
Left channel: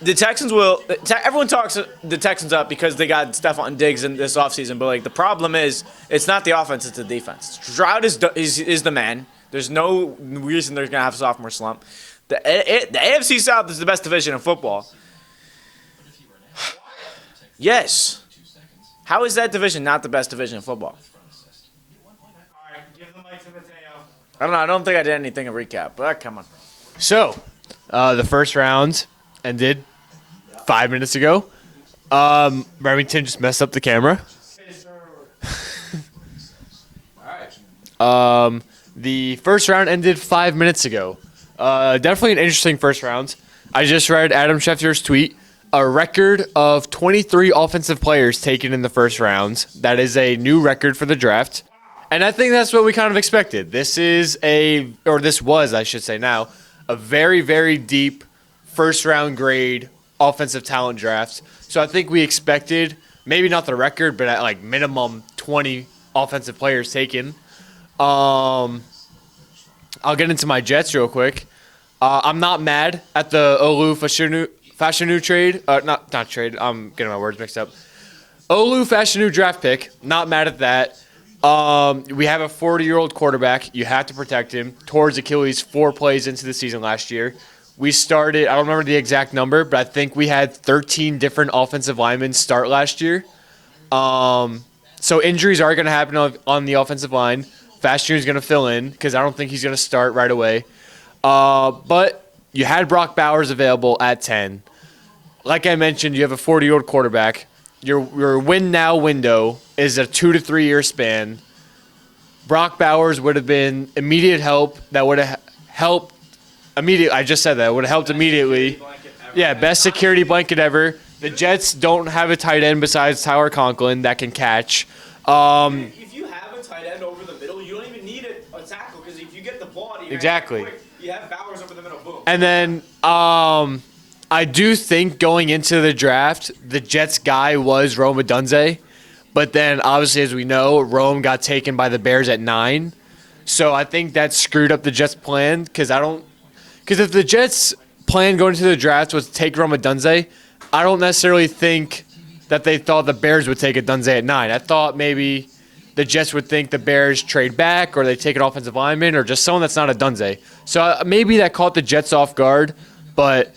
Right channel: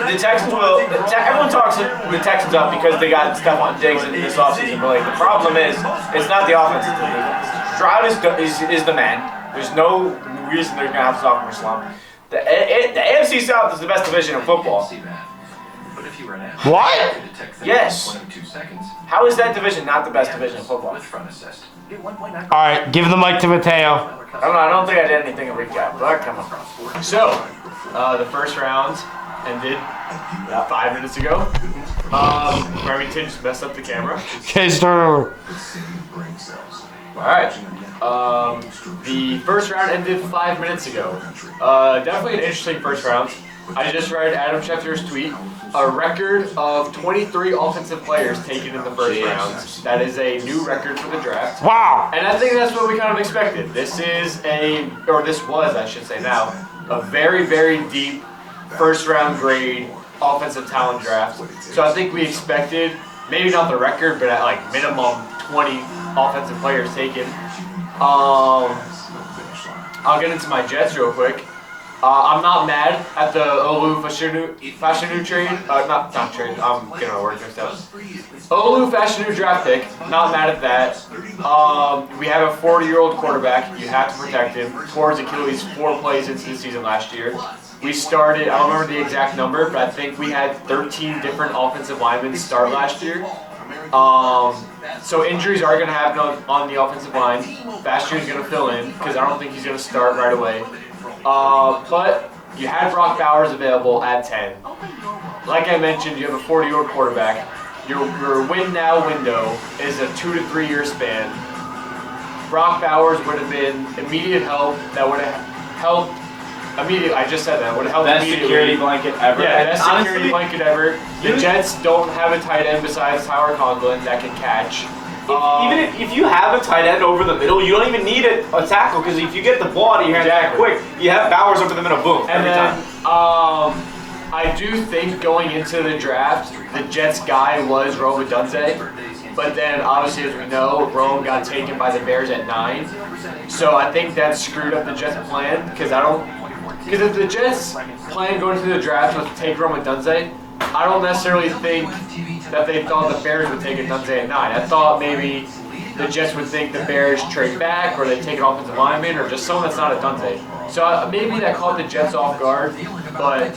The Texans will. Everyone talks the Texans up because they got Stephon Diggs in this offseason, but the problem is it's not the offense, it's the defense. Stroud is the man. There's no reason they're gonna have a sophomore slump. The AFC South is the best division in football. What? Yes. How is that division not the best division in football? All right, give the mic to Mateo. I don't think I did anything to recap, but come on. So, the first round ended 5 minutes ago. Remington just messed up the camera. Okay, start over. Alright. The first round ended 5 minutes ago. Definitely an interesting first round. I just read Adam Schefter's tweet. A record of 23 offensive players taken in the first round. That is a new record for the draft. Wow. And I think that's what we kind of expected. This was, I should say now, a very, very deep first round grade offensive talent draft. So I think we expected, maybe not the record, but at like minimum 20 offensive players taken. I'll get into my Jets real quick. I'm not mad at the Olu Fashanu trade. Not trade. I'm getting my words mixed up. Olu Fashanu draft pick. Not mad at that. We have a 40-year-old quarterback. You have to protect him. Towards Achilles 4 plays into the season last year. We started, I don't remember the exact number, but I think we had 13 different offensive linemen start last year. So injuries are going to happen on the offensive line. Fashanu is going to fill in because I don't think he's going to start right away. But you had Brock Bowers available at 10. Like I mentioned, you have a 40-year-old quarterback. Your win now window is a 2 to 3 year span. Brock Bowers would have been immediate help. That would have helped immediately. I just said that. It would have helped immediately. Best security blanket ever. Yeah, best security blanket ever. The Jets don't have a tight end besides Tyler Conklin that can catch. Even if you have a tight end over the middle, you don't even need a tackle because if you get the ball out of your hand quick, you have Bowers over the middle, boom. And then I do think going into the draft, the Jets guy was Rome Odunze, but then obviously as we know, Rome got taken by the Bears at 9. So I think that screwed up the Jets' plan because if the Jets' plan going into the draft was to take Rome Odunze, I don't necessarily think that they thought the Bears would take Odunze at 9. I thought maybe the Jets would think the Bears trade back or they take an offensive lineman or just someone that's not Odunze. So maybe that caught the Jets off guard, but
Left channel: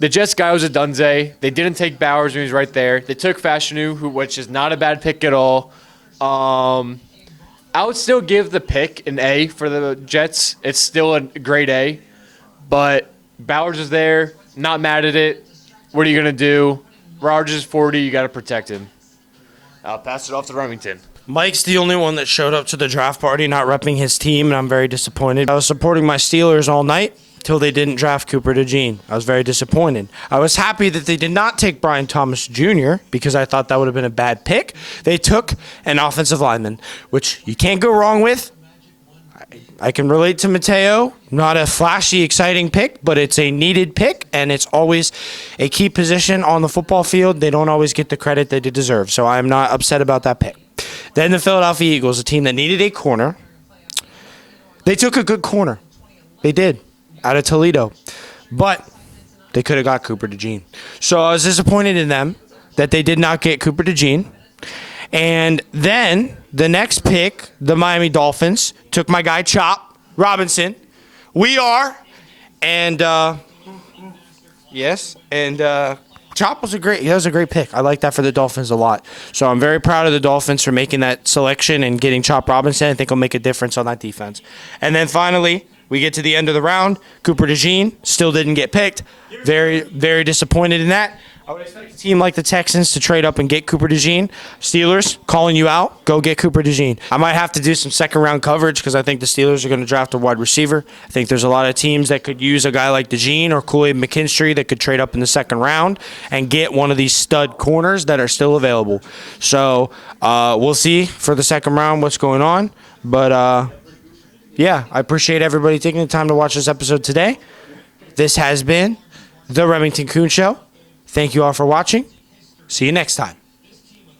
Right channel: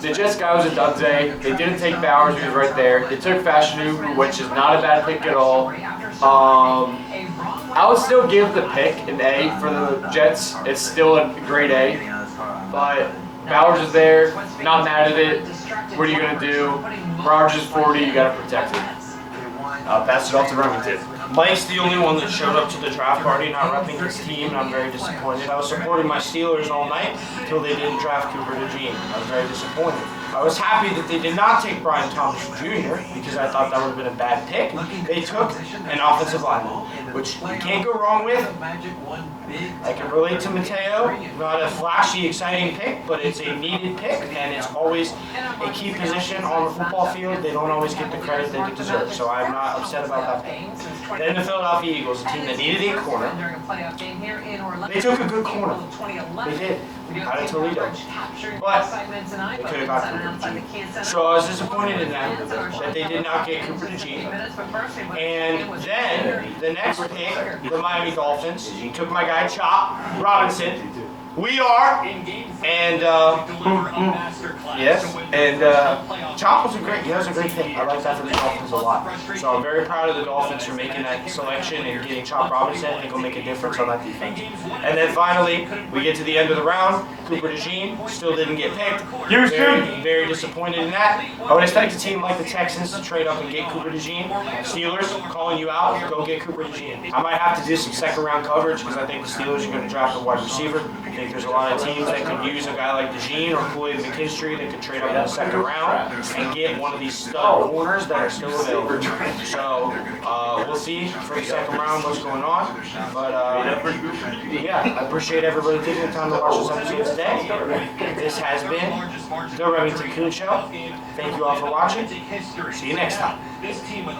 the Jets guy was Odunze. They didn't take Bowers, who was right there. They took Fashanu, which is not a bad pick at all. I would still give the pick an A for the Jets. It's still a grade A, but Bowers is there. Not mad at it. What are you going to do? Rogers is 40, you got to protect him. I'll pass it off to Remington. Mike's the only one that showed up to the draft party not repping his team, and I'm very disappointed. I was supporting my Steelers all night until they didn't draft Cooper DeJean. I was very disappointed. I was happy that they did not take Brian Thomas Jr. because I thought that would have been a bad pick. They took an offensive lineman, which you can't go wrong with. I can relate to Mateo. Not a flashy, exciting pick, but it's a needed pick, and it's always a key position on the football field. They don't always get the credit they deserve, so I'm not upset about that pick. Then the Philadelphia Eagles, a team that needed a corner. They took a good corner. They did, out of Toledo. But they could have got Cooper DeJean. So I was disappointed in them that they did not get Cooper DeJean. And then the next pick, the Miami Dolphins, took my guy Chop Robinson. Chop was a great pick. I like that for the Dolphins a lot. So I'm very proud of the Dolphins for making that selection and getting Chop Robinson. I think will make a difference on that defense. And then finally, we get to the end of the round. Cooper DeJean still didn't get picked. Very, very disappointed in that. I would expect a team like the Texans to trade up and get Cooper DeJean. Steelers, calling you out, go get Cooper DeJean. I might have to do some second round coverage because I think the Steelers are going to draft a wide receiver. I think there's a lot of teams that could use a guy like DeJean or Kool-Aid McKinstry that could trade up in the second round and get one of these stud corners that are still available. So we'll see for the second round what's going on. But yeah, I appreciate everybody taking the time to watch this episode today. This has been the Remington Kuhn Show. Thank you all for watching. See you next time.